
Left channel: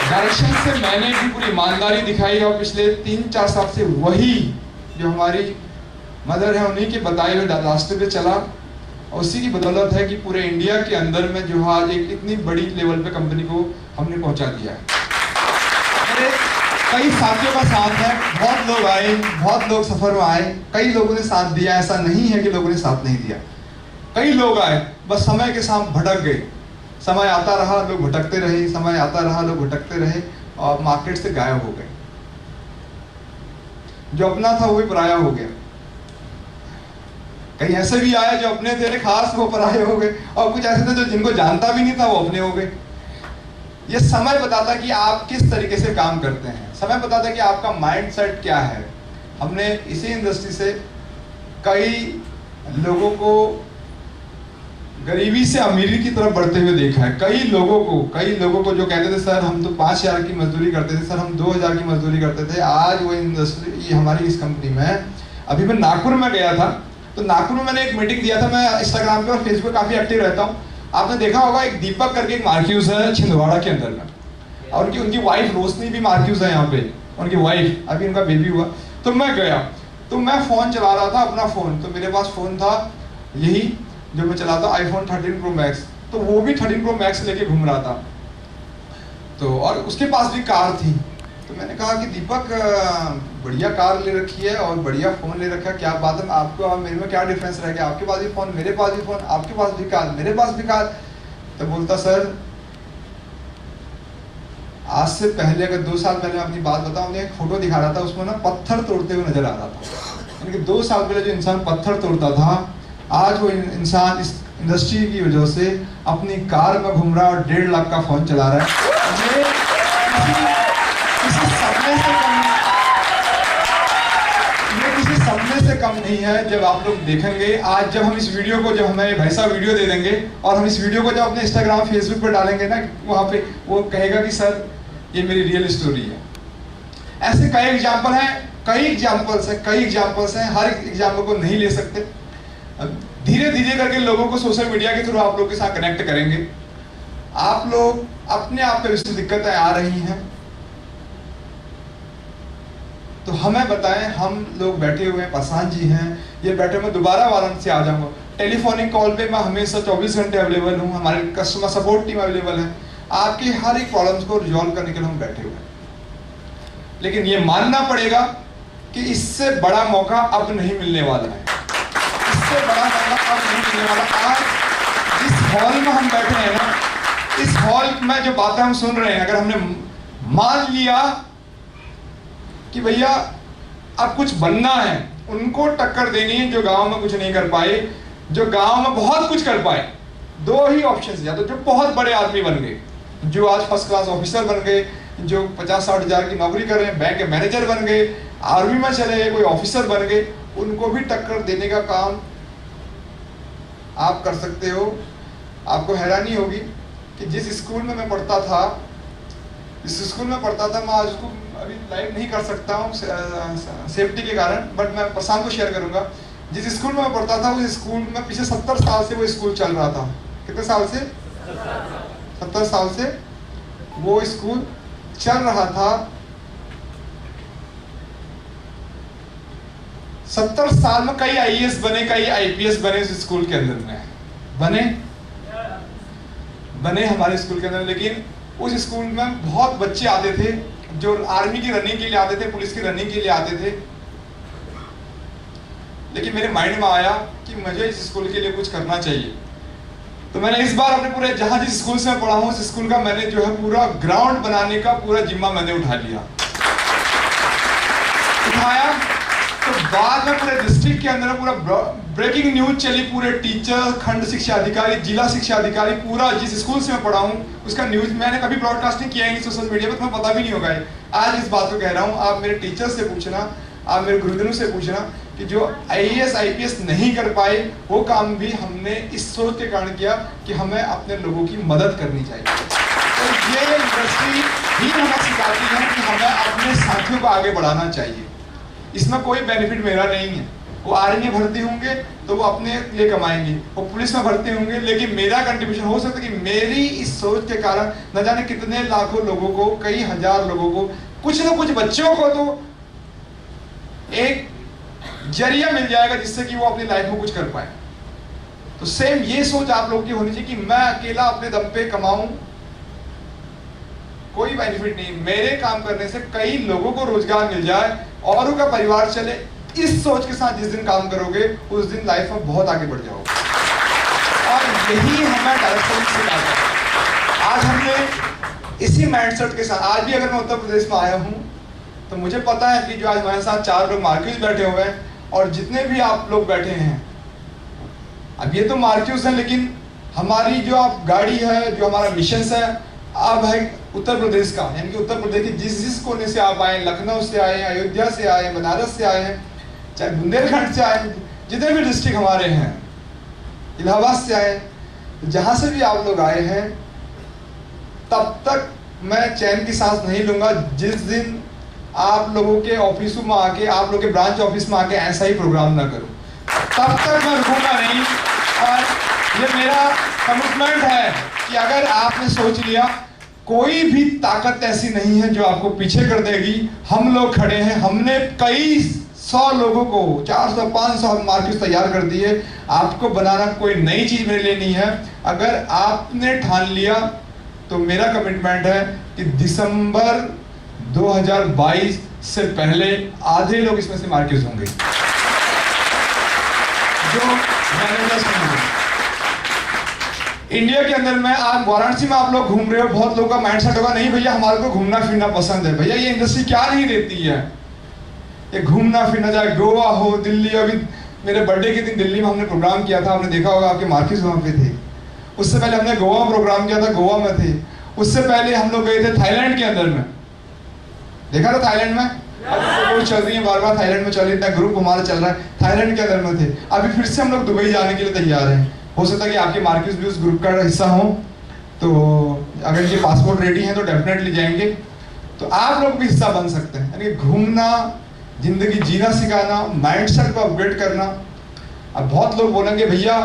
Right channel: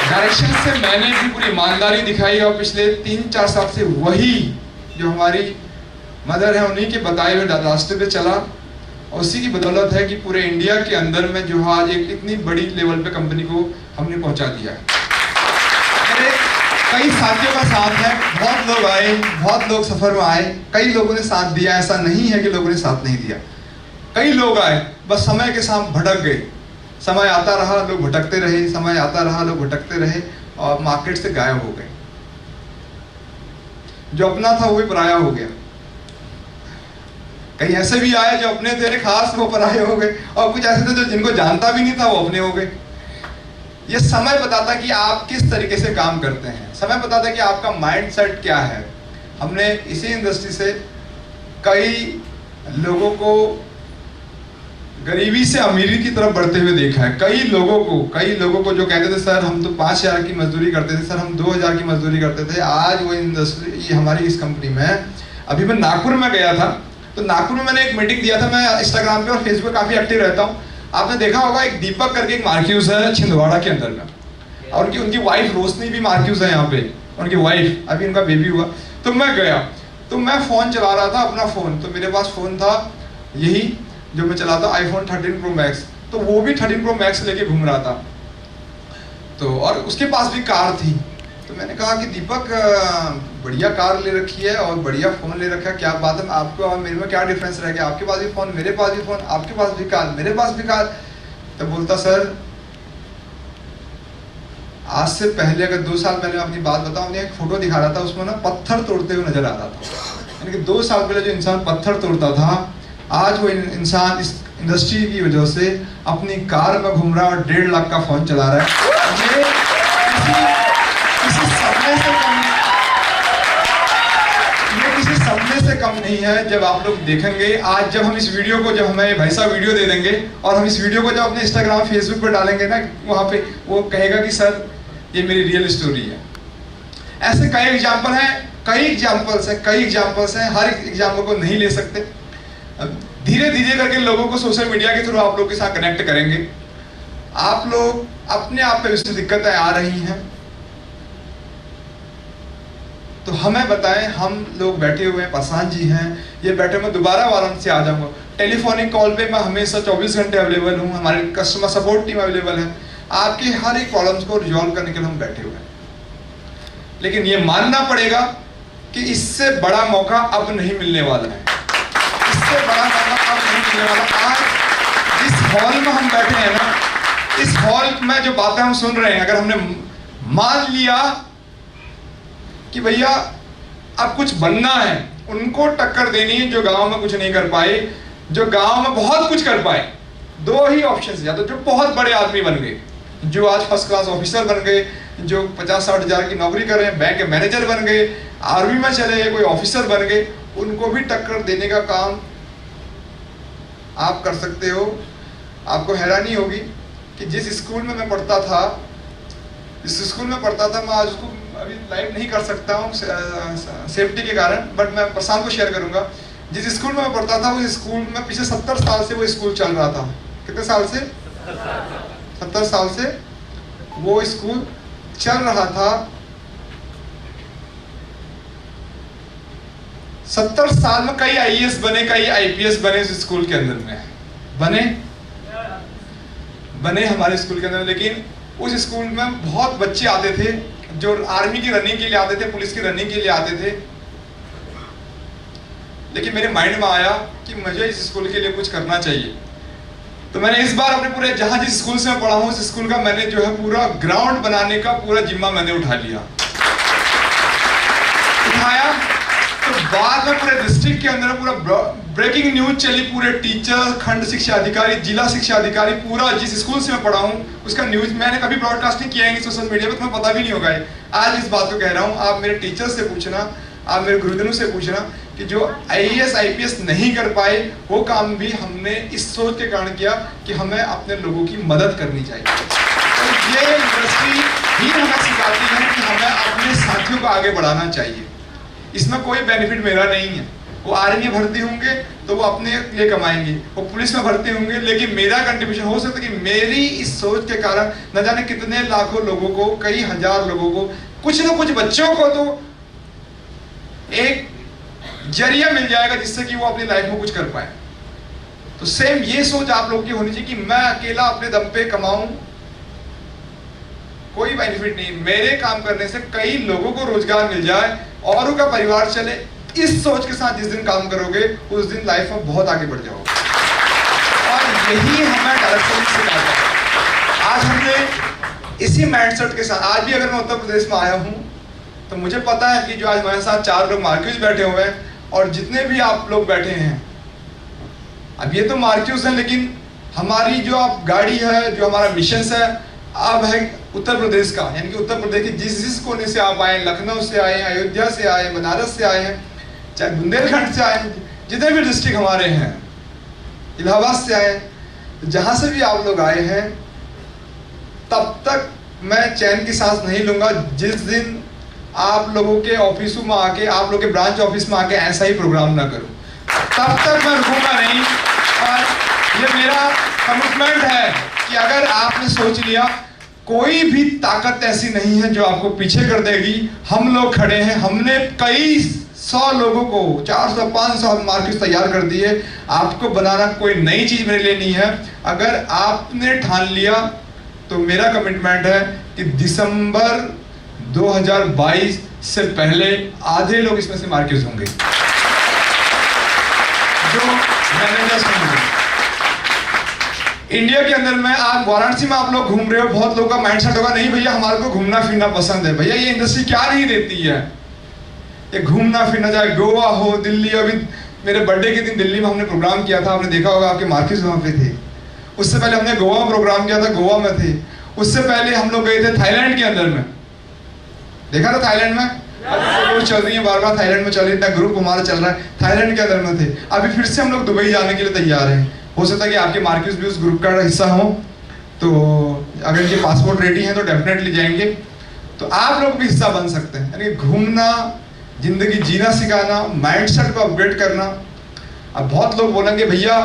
डायरेक्शन से मैंने भी पूरी ईमानदारी दिखाई और पिछले 3-4 साल से वही जो हमारी मदर है उन्हीं के बताए हुए रास्ते पे चला। और उसी की बदौलत है कि पूरे इंडिया के अंदर में जो आज एक इतनी बड़ी लेवल पे कंपनी को हमने पहुंचा दिया है। मेरे कई साथियों का साथ है, बहुत लोग आए, बहुत लोग सफर में आए, कई लोगों ने साथ दिया, ऐसा नहीं है कि लोगों ने साथ नहीं दिया। कई लोग आए, बस समय के साथ भटक गए। समय आता रहा, लोग भटकते रहे, समय आता रहा, लोग भटकते रहे और मार्केट से गायब हो गए। जो अपना था वो भी पराया हो गया। कई ऐसे भी आए जो अपने थे खास, वो पराये हो गए, और कुछ ऐसे थे जो जिनको जानता भी नहीं था वो अपने हो गए। ये समय बताता कि आप किस तरीके से काम करते हैं, समय बताता कि आपका माइंडसेट क्या है। हमने इसी इंडस्ट्री से कई लोगों को गरीबी से अमीरी की तरफ बढ़ते हुए देखा है। कई लोगों को जो कहते थे सर हम तो 5,000 की मजदूरी करते थे, सर हम 2,000 की मजदूरी करते थे, आज वो इंडस्ट्री हमारी इस कंपनी में है। अभी मैं नागपुर में गया था, तो नागपुर में मैंने एक मीटिंग दिया था। मैं इंस्टाग्राम पे और फेसबुक पे काफी एक्टिव रहता हूँ। आपने देखा होगा एक दीपक करके एक मार्क्यूज है छिंदवाड़ा के अंदर में, और उनकी वाइफ रोशनी भी मार्क्यूज है यहाँ पे, उनकी वाइफ, अभी उनका बेबी हुआ। तो मैं गया, तो मैं फोन चला रहा था अपना फोन, तो मेरे पास फोन था यही जो मैं चलाता iPhone 13 Pro Max, तो वो भी 13 Pro Max लेके घूम रहा था। तो और उसके पास भी कार थी। तो मैंने कहा कि दीपक बढ़िया कार ले रखी है और बढ़िया फोन ले रखा है, क्या बात है, आपको और मेरे में क्या डिफरेंस रह गया, आपके पास भी फोन, मेरे पास भी फोन, आपके पास भी कार, मेरे पास भी कार। तो बोलता सर आज से पहले, अगर 2 साल पहले मैं अपनी बात बताऊं, उन्हें एक फोटो दिखा रहा था, उसमें ना पत्थर तोड़ते हुए नजर आ रहा था। यानी कि 2 साल पहले जो इंसान पत्थर तोड़ता था, आज वो इंसान इस इंडस्ट्री की वजह से अपनी कार में घूम रहा है और 1.5 लाख का फोन चला रहा है। ये किसी सपने से कम नहीं है। जब आप लोग देखेंगे, आज जब हम इस वीडियो को, जब हमें भाई साहब वीडियो दे देंगे और हम इस वीडियो को जब अपने इंस्टाग्राम फेसबुक पर डालेंगे ना, वहाँ पे वो कहेगा कि सर ये मेरी रियल स्टोरी है। ऐसे कई एग्जाम्पल हैं, हर एग्जाम्पल को नहीं ले सकते। धीरे धीरे करके लोगों को सोशल मीडिया के थ्रू आप लोग के साथ कनेक्ट करेंगे। आप लोग अपने आप पे उससे दिक्कतें आ रही हैं तो हमें बताएं। हम लोग बैठे हुए हैं, पासवान जी हैं, ये बैठे, मैं दोबारा वाराणसी से आ जाऊंगा। टेलीफोनिक कॉल पे मैं हमेशा 24 घंटे अवेलेबल हूँ, हमारे कस्टमर सपोर्ट टीम अवेलेबल है, आपके हर एक प्रॉब्लम्स को रिजॉल्व करने के लिए हम बैठे हुए हैं। लेकिन ये मानना पड़ेगा कि इससे बड़ा मौका अब नहीं मिलने वाला है, इससे बड़ा मौका अब नहीं मिलने वाला। आज जिस हॉल में हम बैठे हैं ना, इस हॉल में जो बातें हम सुन रहे हैं, अगर हमने मान लिया कि भैया अब कुछ बनना है, उनको टक्कर देनी है जो गांव में कुछ नहीं कर पाए, जो गांव में बहुत कुछ कर पाए। 2 ही ऑप्शन, या तो जो बहुत बड़े आदमी बन गए, जो आज फर्स्ट क्लास ऑफिसर बन गए, जो 50-60 हजार की नौकरी कर रहे हैं, बैंक के मैनेजर बन गए, आर्मी में चले गए, कोई ऑफिसर बन गए, उनको भी टक्कर देने का काम आप कर सकते हो। आपको हैरानी होगी कि जिस स्कूल में मैं पढ़ता था, मैं आज उसको अभी लाइव नहीं कर सकता हूँ सेफ्टी के कारण, बट मैं प्रशांत को शेयर करूंगा। जिस स्कूल में मैं पढ़ता था, उस स्कूल में पिछले 70 साल से वो स्कूल चल रहा था। कितने साल से? 70 साल से वो स्कूल चल रहा था। 70 साल में कई IAS बने, कई IPS बने उस स्कूल के अंदर में, बने हमारे स्कूल के अंदर। लेकिन उस स्कूल में बहुत बच्चे आते थे जो आर्मी की रनिंग के लिए आते थे, पुलिस की रनिंग के लिए आते थे। लेकिन मेरे माइंड में आया कि मुझे इस स्कूल के लिए कुछ करना चाहिए। तो मैंने इस बार अपने पूरे, जहां जिस स्कूल से मैं पढ़ा हूं, उस स्कूल का मैंने जो है पूरा ग्राउंड बनाने का पूरा जिम्मा मैंने उठाया। तो बाद में पूरे डिस्ट्रिक्ट के अंदर पूरा ब्रेकिंग न्यूज चली, पूरे टीचर, खंड शिक्षा अधिकारी, जिला शिक्षा अधिकारी, पूरा जिस स्कूल से मैं पढ़ा हूँ उसका न्यूज मैंने कभी ब्रॉडकास्ट नहीं किया है सोशल मीडिया पे, तुम्हें पता भी नहीं होगा। आज इस बात को कह रहा हूँ, आप मेरे टीचर से पूछना, आप मेरे गुरुजनों से पूछना कि जो IAS IPS नहीं कर पाए, वो काम भी हमने इस सोच के कारण किया कि हमें अपने लोगों की मदद करनी चाहिए। तो ये इंडस्ट्री ही हमें सिखाती है कि हमें अपने साथियों को आगे बढ़ाना चाहिए। इसमें कोई बेनिफिट मेरा नहीं है, वो आर्मी में भर्ती होंगे तो वो अपने लिए कमाएंगे, वो पुलिस में भर्ती होंगे, लेकिन मेरा कंट्रीब्यूशन हो सकता है कि मेरी इस सोच के कारण न जाने कितने लाखों लोगों को, कई हजार लोगों को, कुछ न कुछ बच्चों को तो एक जरिया मिल जाएगा जिससे कि वो अपनी लाइफ में कुछ कर पाए। तो सेम ये सोच आप लोगों की होनी चाहिए कि मैं अकेला अपने दम पे कमाऊं, कोई बेनिफिट नहीं, मेरे काम करने से कई लोगों को रोजगार मिल जाए, औरों का परिवार चले। इस सोच के साथ जिस दिन काम करोगे उस दिन लाइफ में बहुत आगे बढ़ जाओगे। और यही हमें डायरेक्शन सिखाता है। आज हमने इसी माइंडसेट के साथ, आज भी अगर मैं उत्तर प्रदेश में आया हूं तो मुझे पता है कि जो आज हमारे साथ 4 लोग मार्क्यूज बैठे हुए हैं और जितने भी आप लोग बैठे हैं, अब ये तो मार्क्यूज हैं, लेकिन हमारी जो आप गाड़ी है, जो हमारा मिशन है, अब है उत्तर प्रदेश का, यानी कि उत्तर प्रदेश के जिस कोने से आप आए, लखनऊ से आए, अयोध्या से आए, बनारस से आए हैं, चाहे बुंदेलखंड से आए, जितने भी डिस्ट्रिक्ट हमारे हैं, इलाहाबाद से आए, जहां से भी आप लोग आए हैं, तब तक मैं चैन की सांस नहीं लूंगा जिस दिन आप लोगों के ऑफिसों में आके, आप लोगों के ब्रांच ऑफिस में आके ऐसा ही प्रोग्राम ना करूं, तब तक मैं रुकूंगा नहीं। और ये मेरा कमिटमेंट है कि अगर आपने सोच लिया, कोई भी ताकत ऐसी नहीं है जो आपको पीछे कर देगी। हम लोग खड़े हैं, हमने कई 100 लोगों को, 400 500 मार्क्स तैयार कर दिए। आपको बनाना कोई नई चीज मेरे लिए नहीं है। अगर आपने ठान लिया तो मेरा कमिटमेंट है कि दिसंबर 2022 से पहले आधे लोग इसमें से मार्क्स होंगे, जो मैनेजर्स होंगे। इंडिया के अंदर में, आप वाराणसी में आप लोग घूम रहे हो, बहुत लोगों का माइंडसेट होगा, नहीं भैया हमारे को घूमना फिरना पसंद है। भैया ये इंडस्ट्री क्या नहीं देती है, ये घूमना फिरना, चाहे गोवा हो, दिल्ली। अभी मेरे बर्थडे के दिन दिल्ली में हमने प्रोग्राम किया था, आपने देखा होगा, आपके मार्क्स वहां पे थे। उससे पहले हमने गोवा में प्रोग्राम किया था, गोवा में थे। उससे पहले हम लोग गए थे थाईलैंड के अंदर में, देखा था थाईलैंड में, अब चल रही है बार बार, थाईलैंड में चल रही है, ग्रुप हमारा चल रहा है, थाईलैंड के अंदर में थे। अभी फिर से हम लोग दुबई जाने के लिए तैयार हैं। हो सकता है कि आपके मार्क्स भी उस ग्रुप का हिस्सा हो, तो अगर ये पासपोर्ट रेडी है तो डेफिनेटली जाएंगे। तो आप लोग भी हिस्सा बन सकते हैं, यानी घूमना, जिंदगी जीना सिखाना, माइंडसेट को अपग्रेड करना। अब बहुत लोग बोलेंगे भैया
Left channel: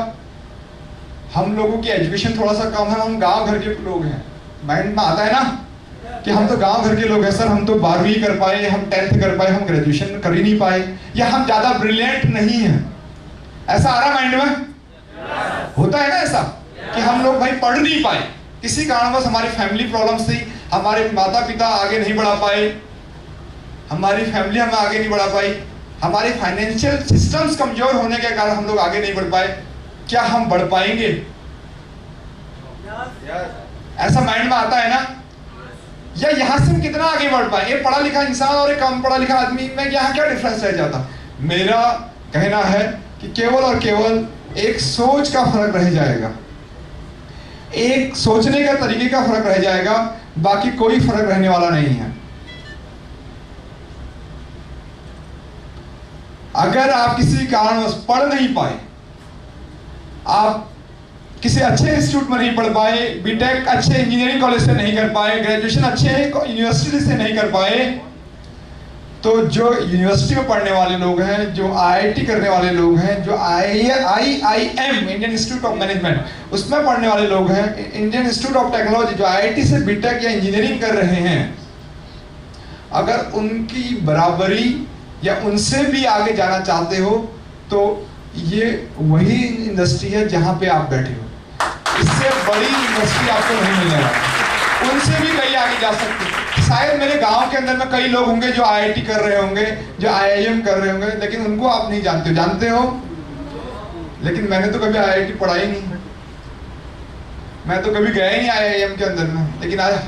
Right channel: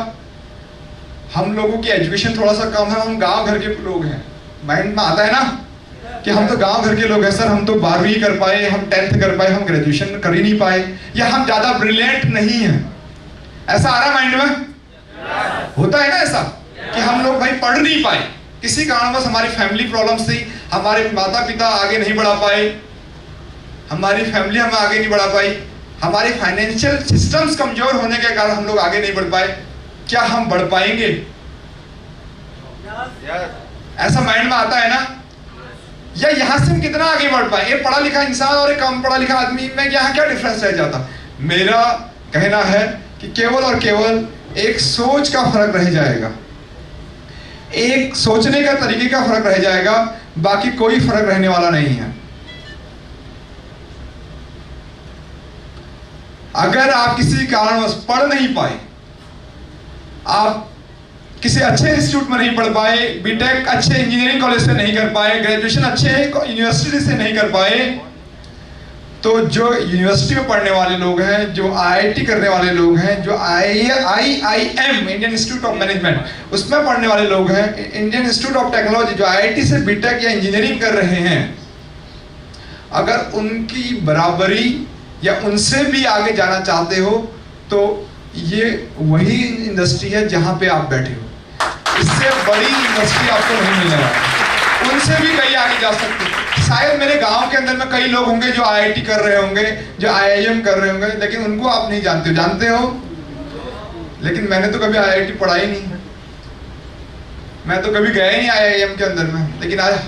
हम लोगों की एजुकेशन थोड़ा सा कम है, हम गांव घर के लोग हैं। माइंड में आता है ना कि हम तो गांव घर के लोग हैं सर, हम तो 12वीं कर पाए, हम 10th कर पाए, हम ग्रेजुएशन कर ही नहीं पाए, या हम ज्यादा ब्रिलियंट नहीं हैं। ऐसा आ रहा माइंड में? होता है ना ऐसा कि हम लोग भाई पढ़ नहीं पाए, किसी कारणवश हमारी फैमिली प्रॉब्लम से हमारे माता पिता आगे नहीं बढ़ा पाए, हमारी फैमिली हमें आगे नहीं बढ़ा पाई, हमारे फाइनेंशियल सिस्टम्स कमजोर होने के कारण हम लोग आगे नहीं बढ़ पाए। क्या हम बढ़ पाएंगे? ऐसा माइंड में आता है ना? या यहां से हम कितना आगे बढ़ पाए? एक पढ़ा लिखा इंसान और एक कम पढ़ा लिखा आदमी में यहाँ क्या डिफरेंस रह जाता? मेरा कहना है कि केवल और केवल एक सोच का फर्क रह जाएगा, एक सोचने का तरीके का फर्क रह जाएगा, बाकी कोई फर्क रहने वाला नहीं है। अगर आप किसी कारणवश पढ़ नहीं पाए, आप किसी अच्छे इंस्टीट्यूट में नहीं पढ़ पाए, बीटेक अच्छे इंजीनियरिंग कॉलेज से नहीं कर पाए, ग्रेजुएशन अच्छे यूनिवर्सिटी से नहीं कर पाए, तो जो यूनिवर्सिटी में पढ़ने वाले लोग हैं, जो आईआईटी करने वाले लोग हैं, जो IIM Indian institute of management उसमें पढ़ने वाले लोग हैं, इंडियन इंस्टीट्यूट ऑफ टेक्नोलॉजी जो आईआईटी से बीटेक या इंजीनियरिंग कर रहे हैं, अगर उनकी बराबरी या उनसे भी आगे जाना चाहते हो तो ये वही इंडस्ट्री है जहां पे आप बैठे हो। इससे बड़ी इंडस्ट्री आपको नहीं मिलने वाली, उनसे भी कहीं आगे जा सकते हो। शायद मेरे गांव के अंदर में कई लोग होंगे जो आईआईटी कर रहे होंगे, जो आईआईएम कर रहे होंगे, लेकिन उनको आप नहीं जानते हो। जानते हो? लेकिन मैंने तो कभी आईआईटी पढ़ा ही नहीं, मैं तो कभी गया ही नहीं आईआईएम के अंदर में, लेकिन आज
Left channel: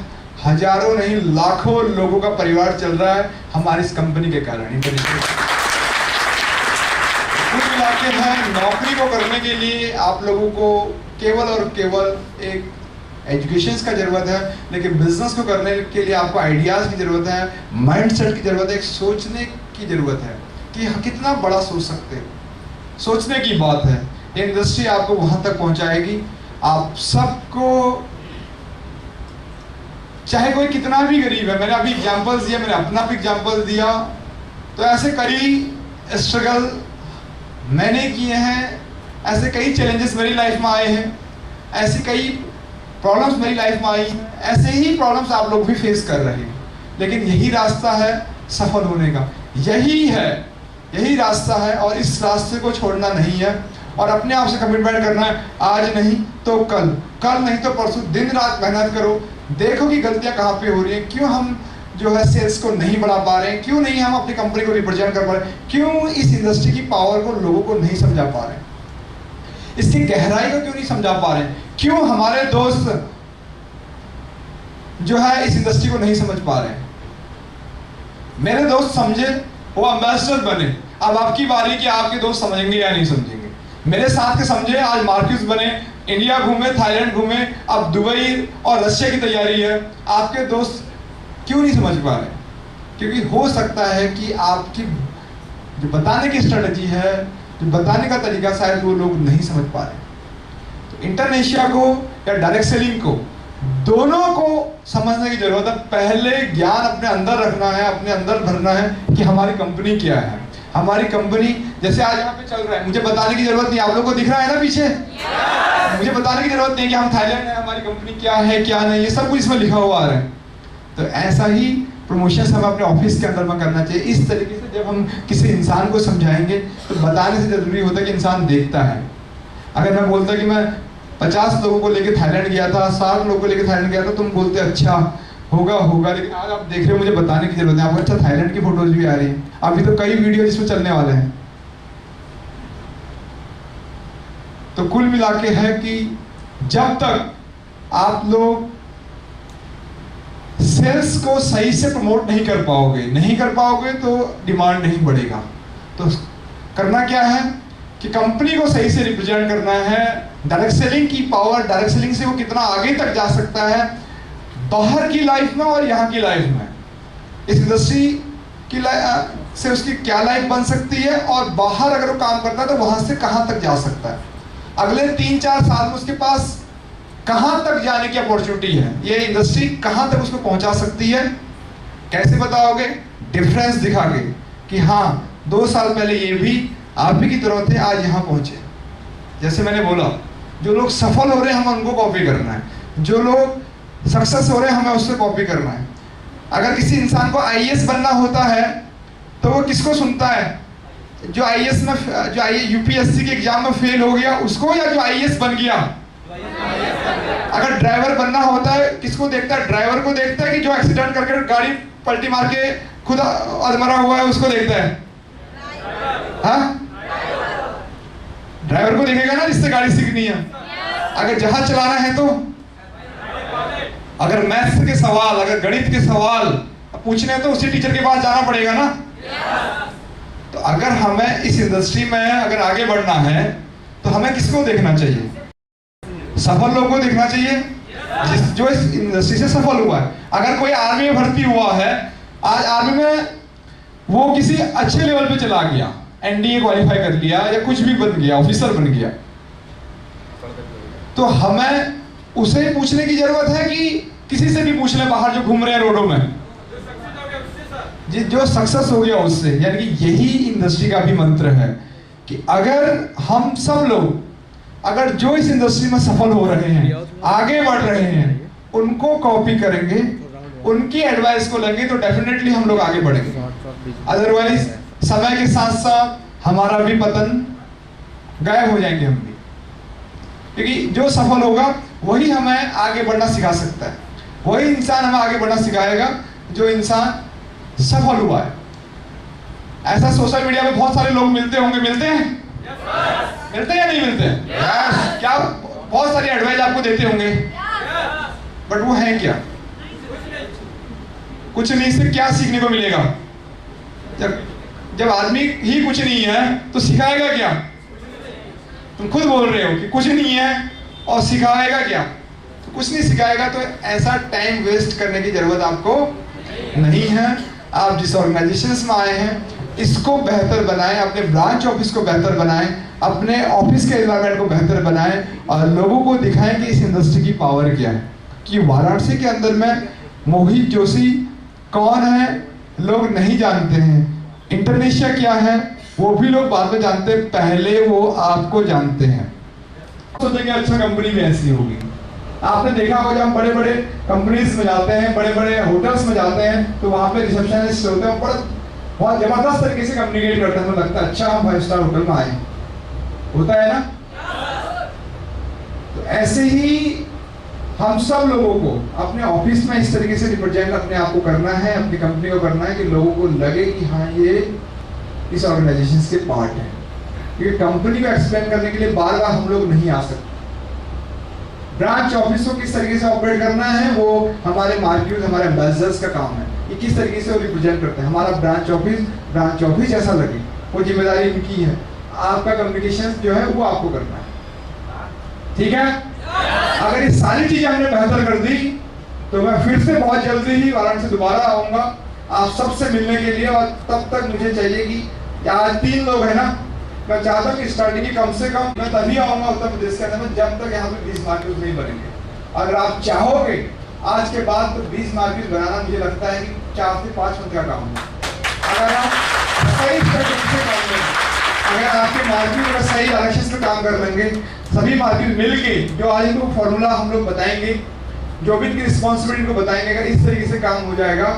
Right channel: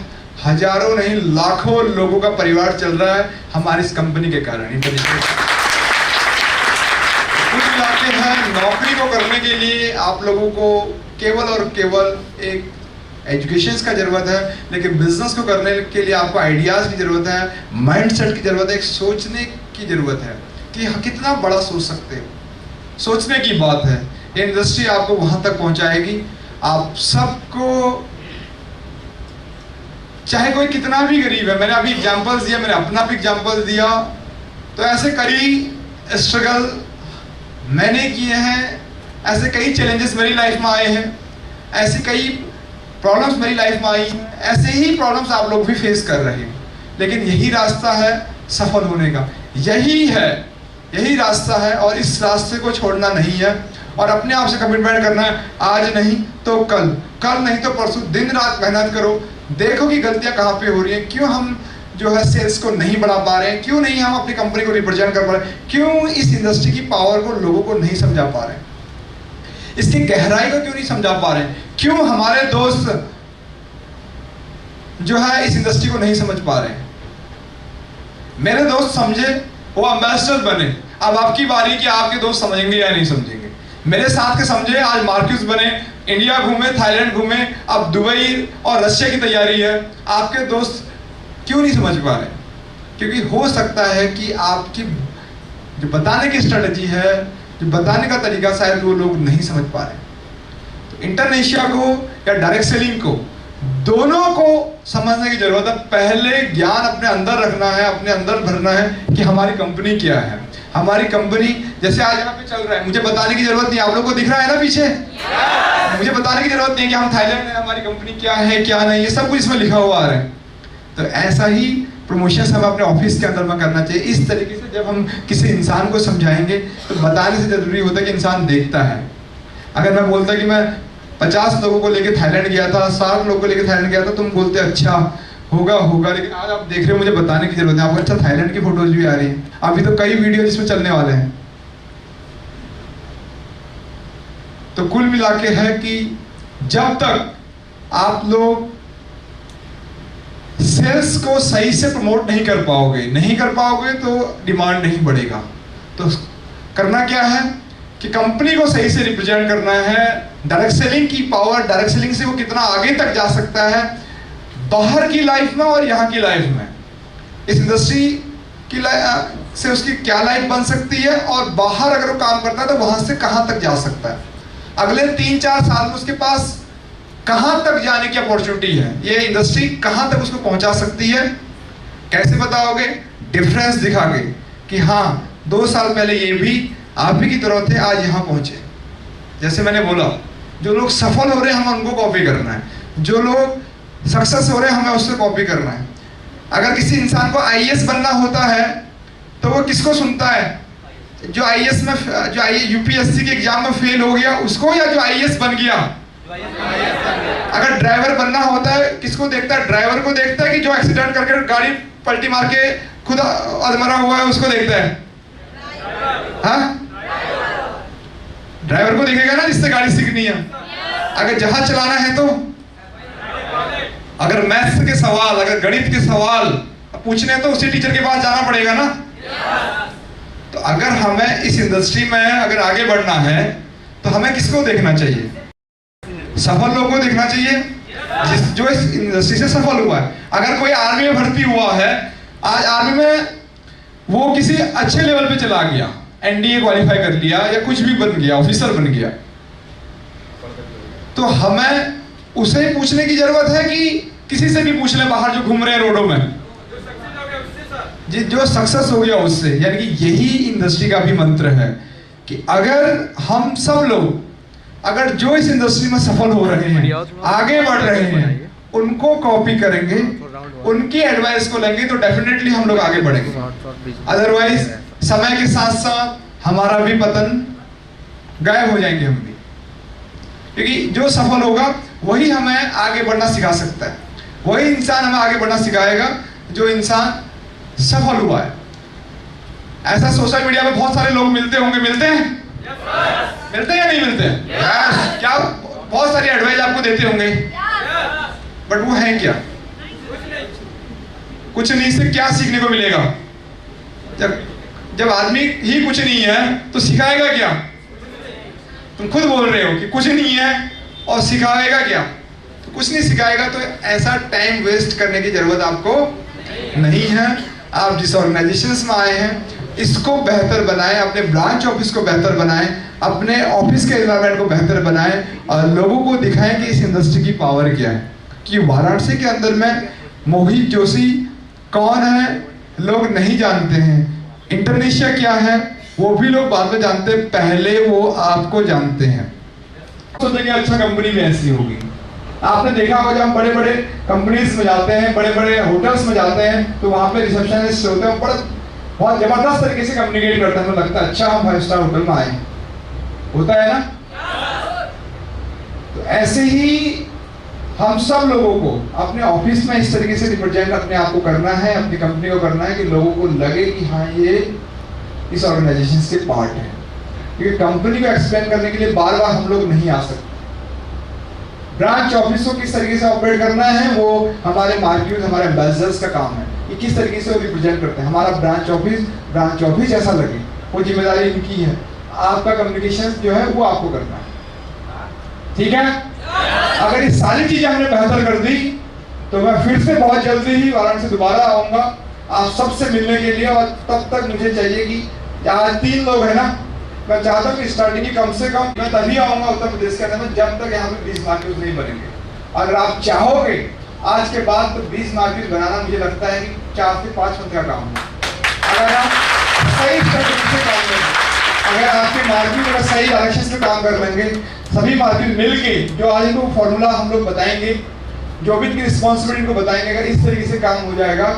हजारों नहीं लाखों लोगों का परिवार चल रहा है हमारी इस कंपनी के कारण। कुल मिला के है, नौकरी को करने के लिए आप लोगों को केवल और केवल एक एजुकेशन का जरूरत है, लेकिन बिजनेस को करने के लिए आपको आइडियाज की जरूरत है, माइंडसेट की जरूरत है, एक सोचने की जरूरत है कि कितना बड़ा सोच सकते हो। सोचने की बात है, ये इंडस्ट्री आपको वहां तक पहुंचाएगी। आप सबको, चाहे कोई कितना भी गरीब है, मैंने अभी एग्जांपल्स दिया, मैंने अपना भी एग्जांपल दिया, तो ऐसे कई स्ट्रगल मैंने किए हैं, ऐसे कई चैलेंजेस मेरी लाइफ में आए हैं, ऐसी कई प्रॉब्लम्स मेरी लाइफ में आई हैं, ऐसे ही प्रॉब्लम्स आप लोग भी फेस कर रहे हैं। लेकिन यही रास्ता है सफल होने का, यही रास्ता है, और इस रास्ते को छोड़ना नहीं है और अपने आप से कमिटमेंट करना है। आज नहीं तो कल नहीं तो परसों, दिन रात मेहनत करो, देखो कि गलतियां कहाँ पे हो रही हैं, क्यों हम जो है सेल्स को नहीं बढ़ा पा रहे हैं, क्यों नहीं हम अपनी कंपनी को रिप्रेजेंट कर पा रहे हैं, क्यों इस इंडस्ट्री की पावर को लोगों को नहीं समझा पा रहे हैं, इसकी गहराई को क्यों नहीं समझा पा रहे हैं, क्यों हमारे दोस्त जो है इस इंडस्ट्री को नहीं समझ पा रहे हैं। मेरे दोस्त समझे, वो एम्बेसडर बने, अब आपकी बारी कि आपके दोस्त समझेंगे या नहीं समझेंगे। मेरे साथ के समझे, आज मार्क्यूस बने, इंडिया घूमे, थाईलैंड घूमे, अब दुबई और रशिया की तैयारी है। आपके दोस्त क्यों नहीं समझ पा रहे? क्योंकि हो सकता है कि आपकी जो बताने की स्ट्रेटजी है, जो बताने का तरीका शायद वो लोग नहीं समझ पा रहे। तो इंटरनेशिया को या डायरेक्ट सेलिंग को, दोनों को समझने की जरूरत है। पहले ज्ञान अपने अंदर रखना है, अपने अंदर भरना है कि हमारी कंपनी क्या है। हमारी कंपनी जैसे आज यहाँ पे चल रहा है, मुझे बताने की जरूरत नहीं, आप लोगों को दिख रहा है ना पीछे, मुझे बताने की जरूरत नहीं कि हम थाईलैंड है, हमारी कंपनी क्या है क्या नहीं, ये सब कुछ इसमें लिखा हुआ है। तो ऐसा ही प्रमोशन हमें अपने ऑफिस के अंदर में करना चाहिए। इस तरीके से जब हम किसी इंसान को समझाएंगे तो बताने से जरूरी होता है कि इंसान देखता है। अगर मैं बोलता कि मैं 50 लोगों को लेकर थाईलैंड गया था, 60 लोगों को लेकर थाईलैंड गया था, तुम बोलते अच्छा होगा, लेकिन आज आप देख रहे हो मुझे बताने की जरूरत है। आपको अच्छा थाईलैंड की फोटोज भी आ रही है, अभी तो कई वीडियो इसमें चलने वाले हैं। तो कुल मिला के है कि जब तक आप लोग सेल्स को सही से प्रमोट नहीं कर पाओगे तो डिमांड नहीं बढ़ेगा। तो करना क्या है कि कंपनी को सही से रिप्रेजेंट करना है। डायरेक्ट सेलिंग की पावर, डायरेक्ट सेलिंग से वो कितना आगे तक जा सकता है बाहर की लाइफ में और यहाँ की लाइफ में, इस इंडस्ट्री की से उसकी क्या लाइफ बन सकती है, और बाहर अगर वो काम करता है तो वहां से कहां तक जा सकता है। अगले 3-4 साल में उसके पास कहां तक जाने की अपॉर्चुनिटी है, ये इंडस्ट्री कहां तक उसको पहुंचा सकती है। कैसे बताओगे? डिफरेंस दिखा के कि हाँ 2 साल पहले ये भी आप ही की तरह थे, आज यहाँ पहुंचे। जैसे मैंने बोला, जो लोग सफल हो रहे हैं हमें उनको कॉपी करना है, जो लोग सक्सेस हो रहे हैं हमें उससे कॉपी करना है। अगर किसी इंसान को आईएएस बनना होता है तो वो किसको सुनता है? जो आईएएस में, जो यूपीएससी के एग्जाम में फेल हो गया उसको, या जो आईएएस बन गया? अगर ड्राइवर बनना होता है किसको देखता है? ड्राइवर को देखता है कि जो एक्सीडेंट करके गाड़ी पलटी मार के खुद अधमरा हुआ है उसको देखता है? हाँ, ड्राइवर को देखेगा ना जिससे गाड़ी सीखनी है। अगर जहाज चलाना है तो, अगर मैथ्स के सवाल, अगर गणित के सवाल पूछने हैं तो उसी टीचर के पास जाना पड़ेगा ना। तो अगर हमें इस इंडस्ट्री में अगर आगे बढ़ना है तो हमें किसको देखना चाहिए? सफल लोगों को देखना चाहिए जो इस इंडस्ट्री से सफल हुआ है। अगर कोई आर्मी में भर्ती हुआ है, आज आर्मी में वो किसी अच्छे लेवल पे चला गया, एनडीए क्वालिफाई कर लिया या कुछ भी बन गया, ऑफिसर बन गया, तो हमें उसे पूछने की जरूरत है कि किसी से भी पूछ ले बाहर जो घूम रहे हैं रोडों में, जो सक्सेस हो गया उससे। यानी कि यही इंडस्ट्री का भी मंत्र है कि अगर हम सब लोग, अगर जो इस इंडस्ट्री में सफल हो रहे हैं, आगे बढ़ रहे हैं, उनको कॉपी करेंगे, उनकी एडवाइस को लेंगे तो डेफिनेटली हम लोग आगे बढ़ेंगे। अदरवाइज समय के साथ साथ हमारा भी पतन, गायब हो जाएंगे हम भी। क्योंकि जो सफल होगा वही हमें आगे बढ़ना सिखा सकता है, वही इंसान हमें आगे बढ़ना सिखाएगा जो इंसान सफल हुआ है। ऐसा सोशल मीडिया पे बहुत सारे लोग मिलते होंगे, मिलते हैं मिलते हैं या नहीं मिलते हैं? क्या बहुत सारी एडवाइस आपको देते होंगे, बट वो है क्या? कुछ नहीं से क्या सीखने को मिलेगा? जब आदमी ही कुछ नहीं है तो सिखाएगा क्या? तुम खुद बोल रहे हो कि कुछ नहीं है और सिखाएगा क्या? तो कुछ नहीं सिखाएगा। तो ऐसा टाइम वेस्ट करने की जरूरत आपको नहीं है। आप जिस ऑर्गेनाइजेशन में आए हैं इसको बेहतर बनाएं, अपने ब्रांच ऑफिस को बेहतर बनाएं, अपने ऑफिस के एनवायरनमेंट को बेहतर बनाएं और लोगों को दिखाएं कि इस इंडस्ट्री की पावर क्या है। कि वाराणसी के अंदर में मोहित जोशी कौन है लोग नहीं जानते हैं, इंटरनेशिया क्या है वो भी लोग बाद में जानते हैं, पहले वो आपको जानते हैं। सोचेंगे अच्छा कंपनी में ऐसी होगी। आपने देखा होगा जब हम बड़े बड़े कंपनीज में जाते हैं, बड़े बड़े होटल्स में जाते हैं, तो वहां पे रिसेप्शनिस्ट होते हैं, बहुत जबरदस्त तरीके से कम्युनिकेट करते हैं। हमें लगता है अच्छा हम 5 स्टार होटल में आए, होता है ना। तो ऐसे ही हम सब लोगों को अपने ऑफिस में इस तरीके से रिप्रेजेंट अपने आप को करना है, अपनी कंपनी को करना है कि लोगों को लगे कि हाँ ये इस ऑर्गेनाइजेशन के पार्ट है। क्योंकि कंपनी को एक्सप्लेन करने के लिए बार बार हम लोग नहीं आ सकते। ब्रांच ऑफिस को किस तरीके से ऑपरेट करना है वो हमारे मार्केट, हमारे एम्बेसडर्स का काम है कि किस तरीके से वो रिप्रेजेंट करते हैं। हमारा ब्रांच ऑफिस जैसा लगे, वो जिम्मेदारी इनकी है। आपका कम्युनिकेशन जो है वो आपको करना है, ठीक है। अगर ये सारी चीजें हमने बेहतर कर दी तो मैं फिर से बहुत जल्दी ही वाराणसी दोबारा आऊंगा आप सबसे मिलने के लिए। और तब तक मुझे चाहिए कि आज 3 लोग हैं ना, मैं चाहता हूँ कि स्टार्टिंग की कम से कम मैं तभी आऊंगा उत्तर प्रदेश के अंदर में जब तक यहाँ पे 20 मार्केट नहीं बनेंगे। अगर आप चाहोगे आज के बाद तो 20 मार्केट बनाना मुझे लगता है कि 4 से 5 मंथ का काम है। अगर आप सही स्ट्रेटेजी से काम करें, अगर आपके मार्केट में सही डायरेक्शन से काम कर लेंगे, सभी मार्केट मिलके जो आज इनको फॉर्मूला हम लोग बताएंगे, जो भी इनकी रिस्पॉन्सिबिलिटी को बताएंगे, अगर इस तरीके से काम हो जाएगा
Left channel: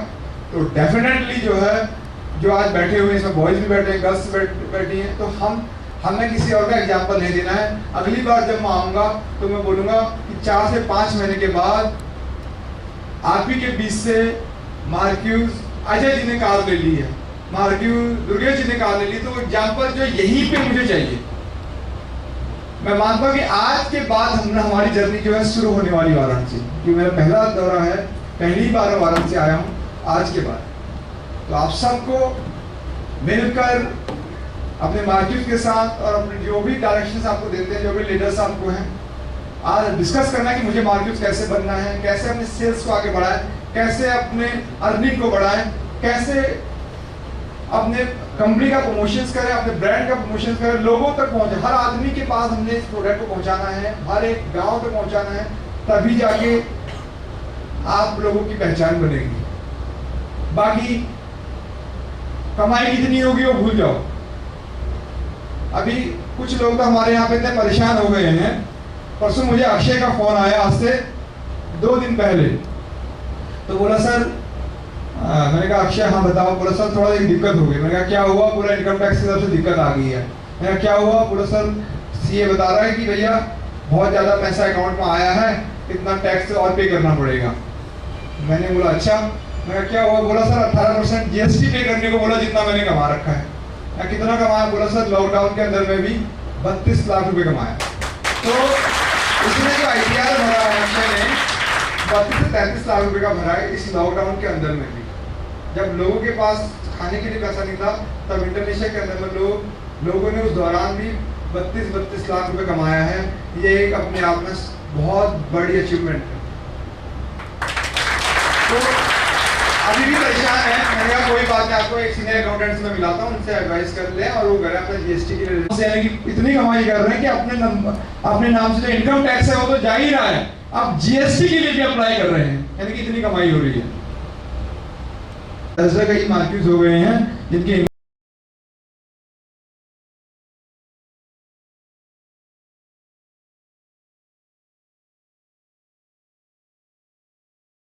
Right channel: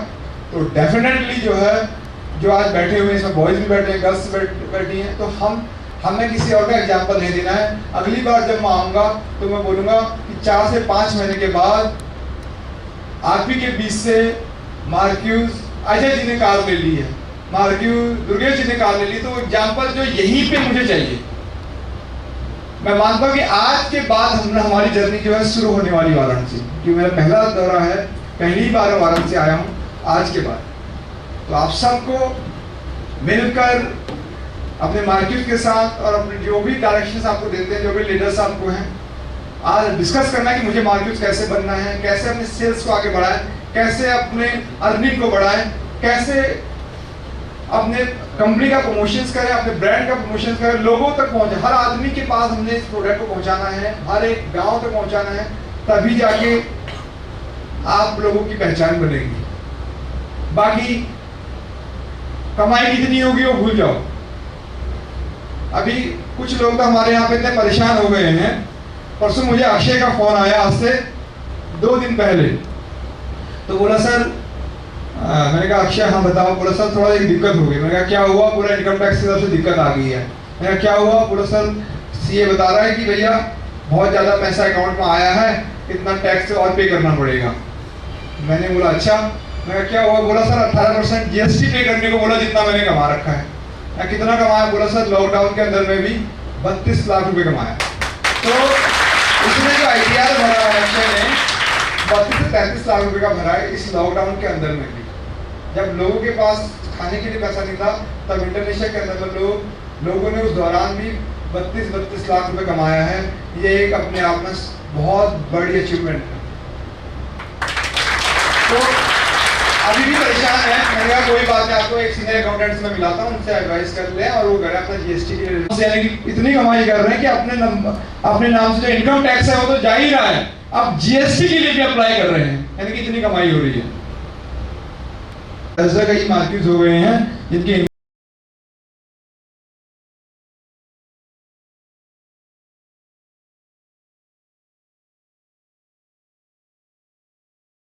तो डेफिनेटली जो है, जो आज बैठे हुए हैं इसमें बॉयज भी बैठे हैं, गर्ल्स बैठी हैं, तो हमें किसी और का एग्जाम्पल नहीं देना है। अगली बार जब मैं आऊँगा तो मैं बोलूँगा कि 4 से 5 महीने के बाद आप ही के बीच से मार्क्यूज अजय जी ने कार ले ली है, मार्क्यूज दुर्गेश जी ने कार ले ली, तो एग्जाम्पल जो यहीं पे मुझे चाहिए। मैं मानता हूँ कि आज के बाद हमारी जर्नी जो है शुरू होने वाली वाराणसी, जो मेरा पहला दौरा है, पहली बार वाराणसी आया हूँ आज के बाद। तो आप सबको मिलकर अपने मार्केट के साथ और अपने जो भी डायरेक्शंस आपको देते हैं, जो भी लीडर्स आपको हैं, आज डिस्कस करना है कि मुझे मार्केट कैसे बनना है, कैसे अपने सेल्स को आगे बढ़ाएं, कैसे अपने अर्निंग को बढ़ाएं, कैसे अपने कंपनी का प्रमोशंस करें, अपने ब्रांड का प्रमोशंस करें, लोगों तक पहुंचे। हर आदमी के पास हमने इस प्रोडक्ट को पहुंचाना है, हर एक गांव तक पहुंचाना है, तभी जाके आप लोगों की पहचान बनेगी। बाकी कमाई कितनी होगी वो भूल जाओ। अभी कुछ लोग तो हमारे यहाँ पे इतने परेशान हो गए हैं। परसों मुझे अक्षय का फोन आया, आज से 2 दिन पहले, तो बोला सर, मैंने कहा अक्षय हाँ बताओ। बोला सर थोड़ा एक दिक्कत हो गई। मैंने कहा क्या हुआ? पूरा इनकम टैक्स की तरफ से दिक्कत आ गई है। मैंने कहा क्या हुआ? बोला सर सीए बता रहा है कि भैया बहुत ज़्यादा पैसा अकाउंट में आया है, इतना टैक्स और पे करना पड़ेगा। मैंने बोला अच्छा। मैं क्या हुआ? बोला सर 18% जीएसटी पे करने को बोला, जितना मैंने कमा रखा है। मैं कितना कमाया? बोला सर लॉकडाउन के अंदर में भी 32 लाख रुपए कमाया। तो उसने जो आइडिया भरा है अक्षय ने, 32 से 33 लाख रुपए का भरा है इस लॉकडाउन के अंदर में भी। जब लोगों के पास खाने के लिए पैसा नहीं था, तब इंडोनेशिया के अंदर में लोगों ने उस दौरान भी 32 लाख रुपए कमाया है। ये एक अपने आप में बहुत बड़ी अचीवमेंट है। तो अभी भी परेशान है, मैंने कहा कोई बात नहीं, आपको एक सीनियर अकाउंटेंट में मिलाता हूँ, उनसे एडवाइस कर ले और वो करें अपना जीएसटी के लिए। यानी कि इतनी कमाई कर रहे हैं कि अपने नाम से जो इनकम टैक्स है वो तो जा ही रहा है, अब जीएसटी के लिए भी अप्लाई कर रहे हैं, यानी कि इतनी कमाई हो रही है। ऐसा कई मार्केट हो गए हैं जिनकी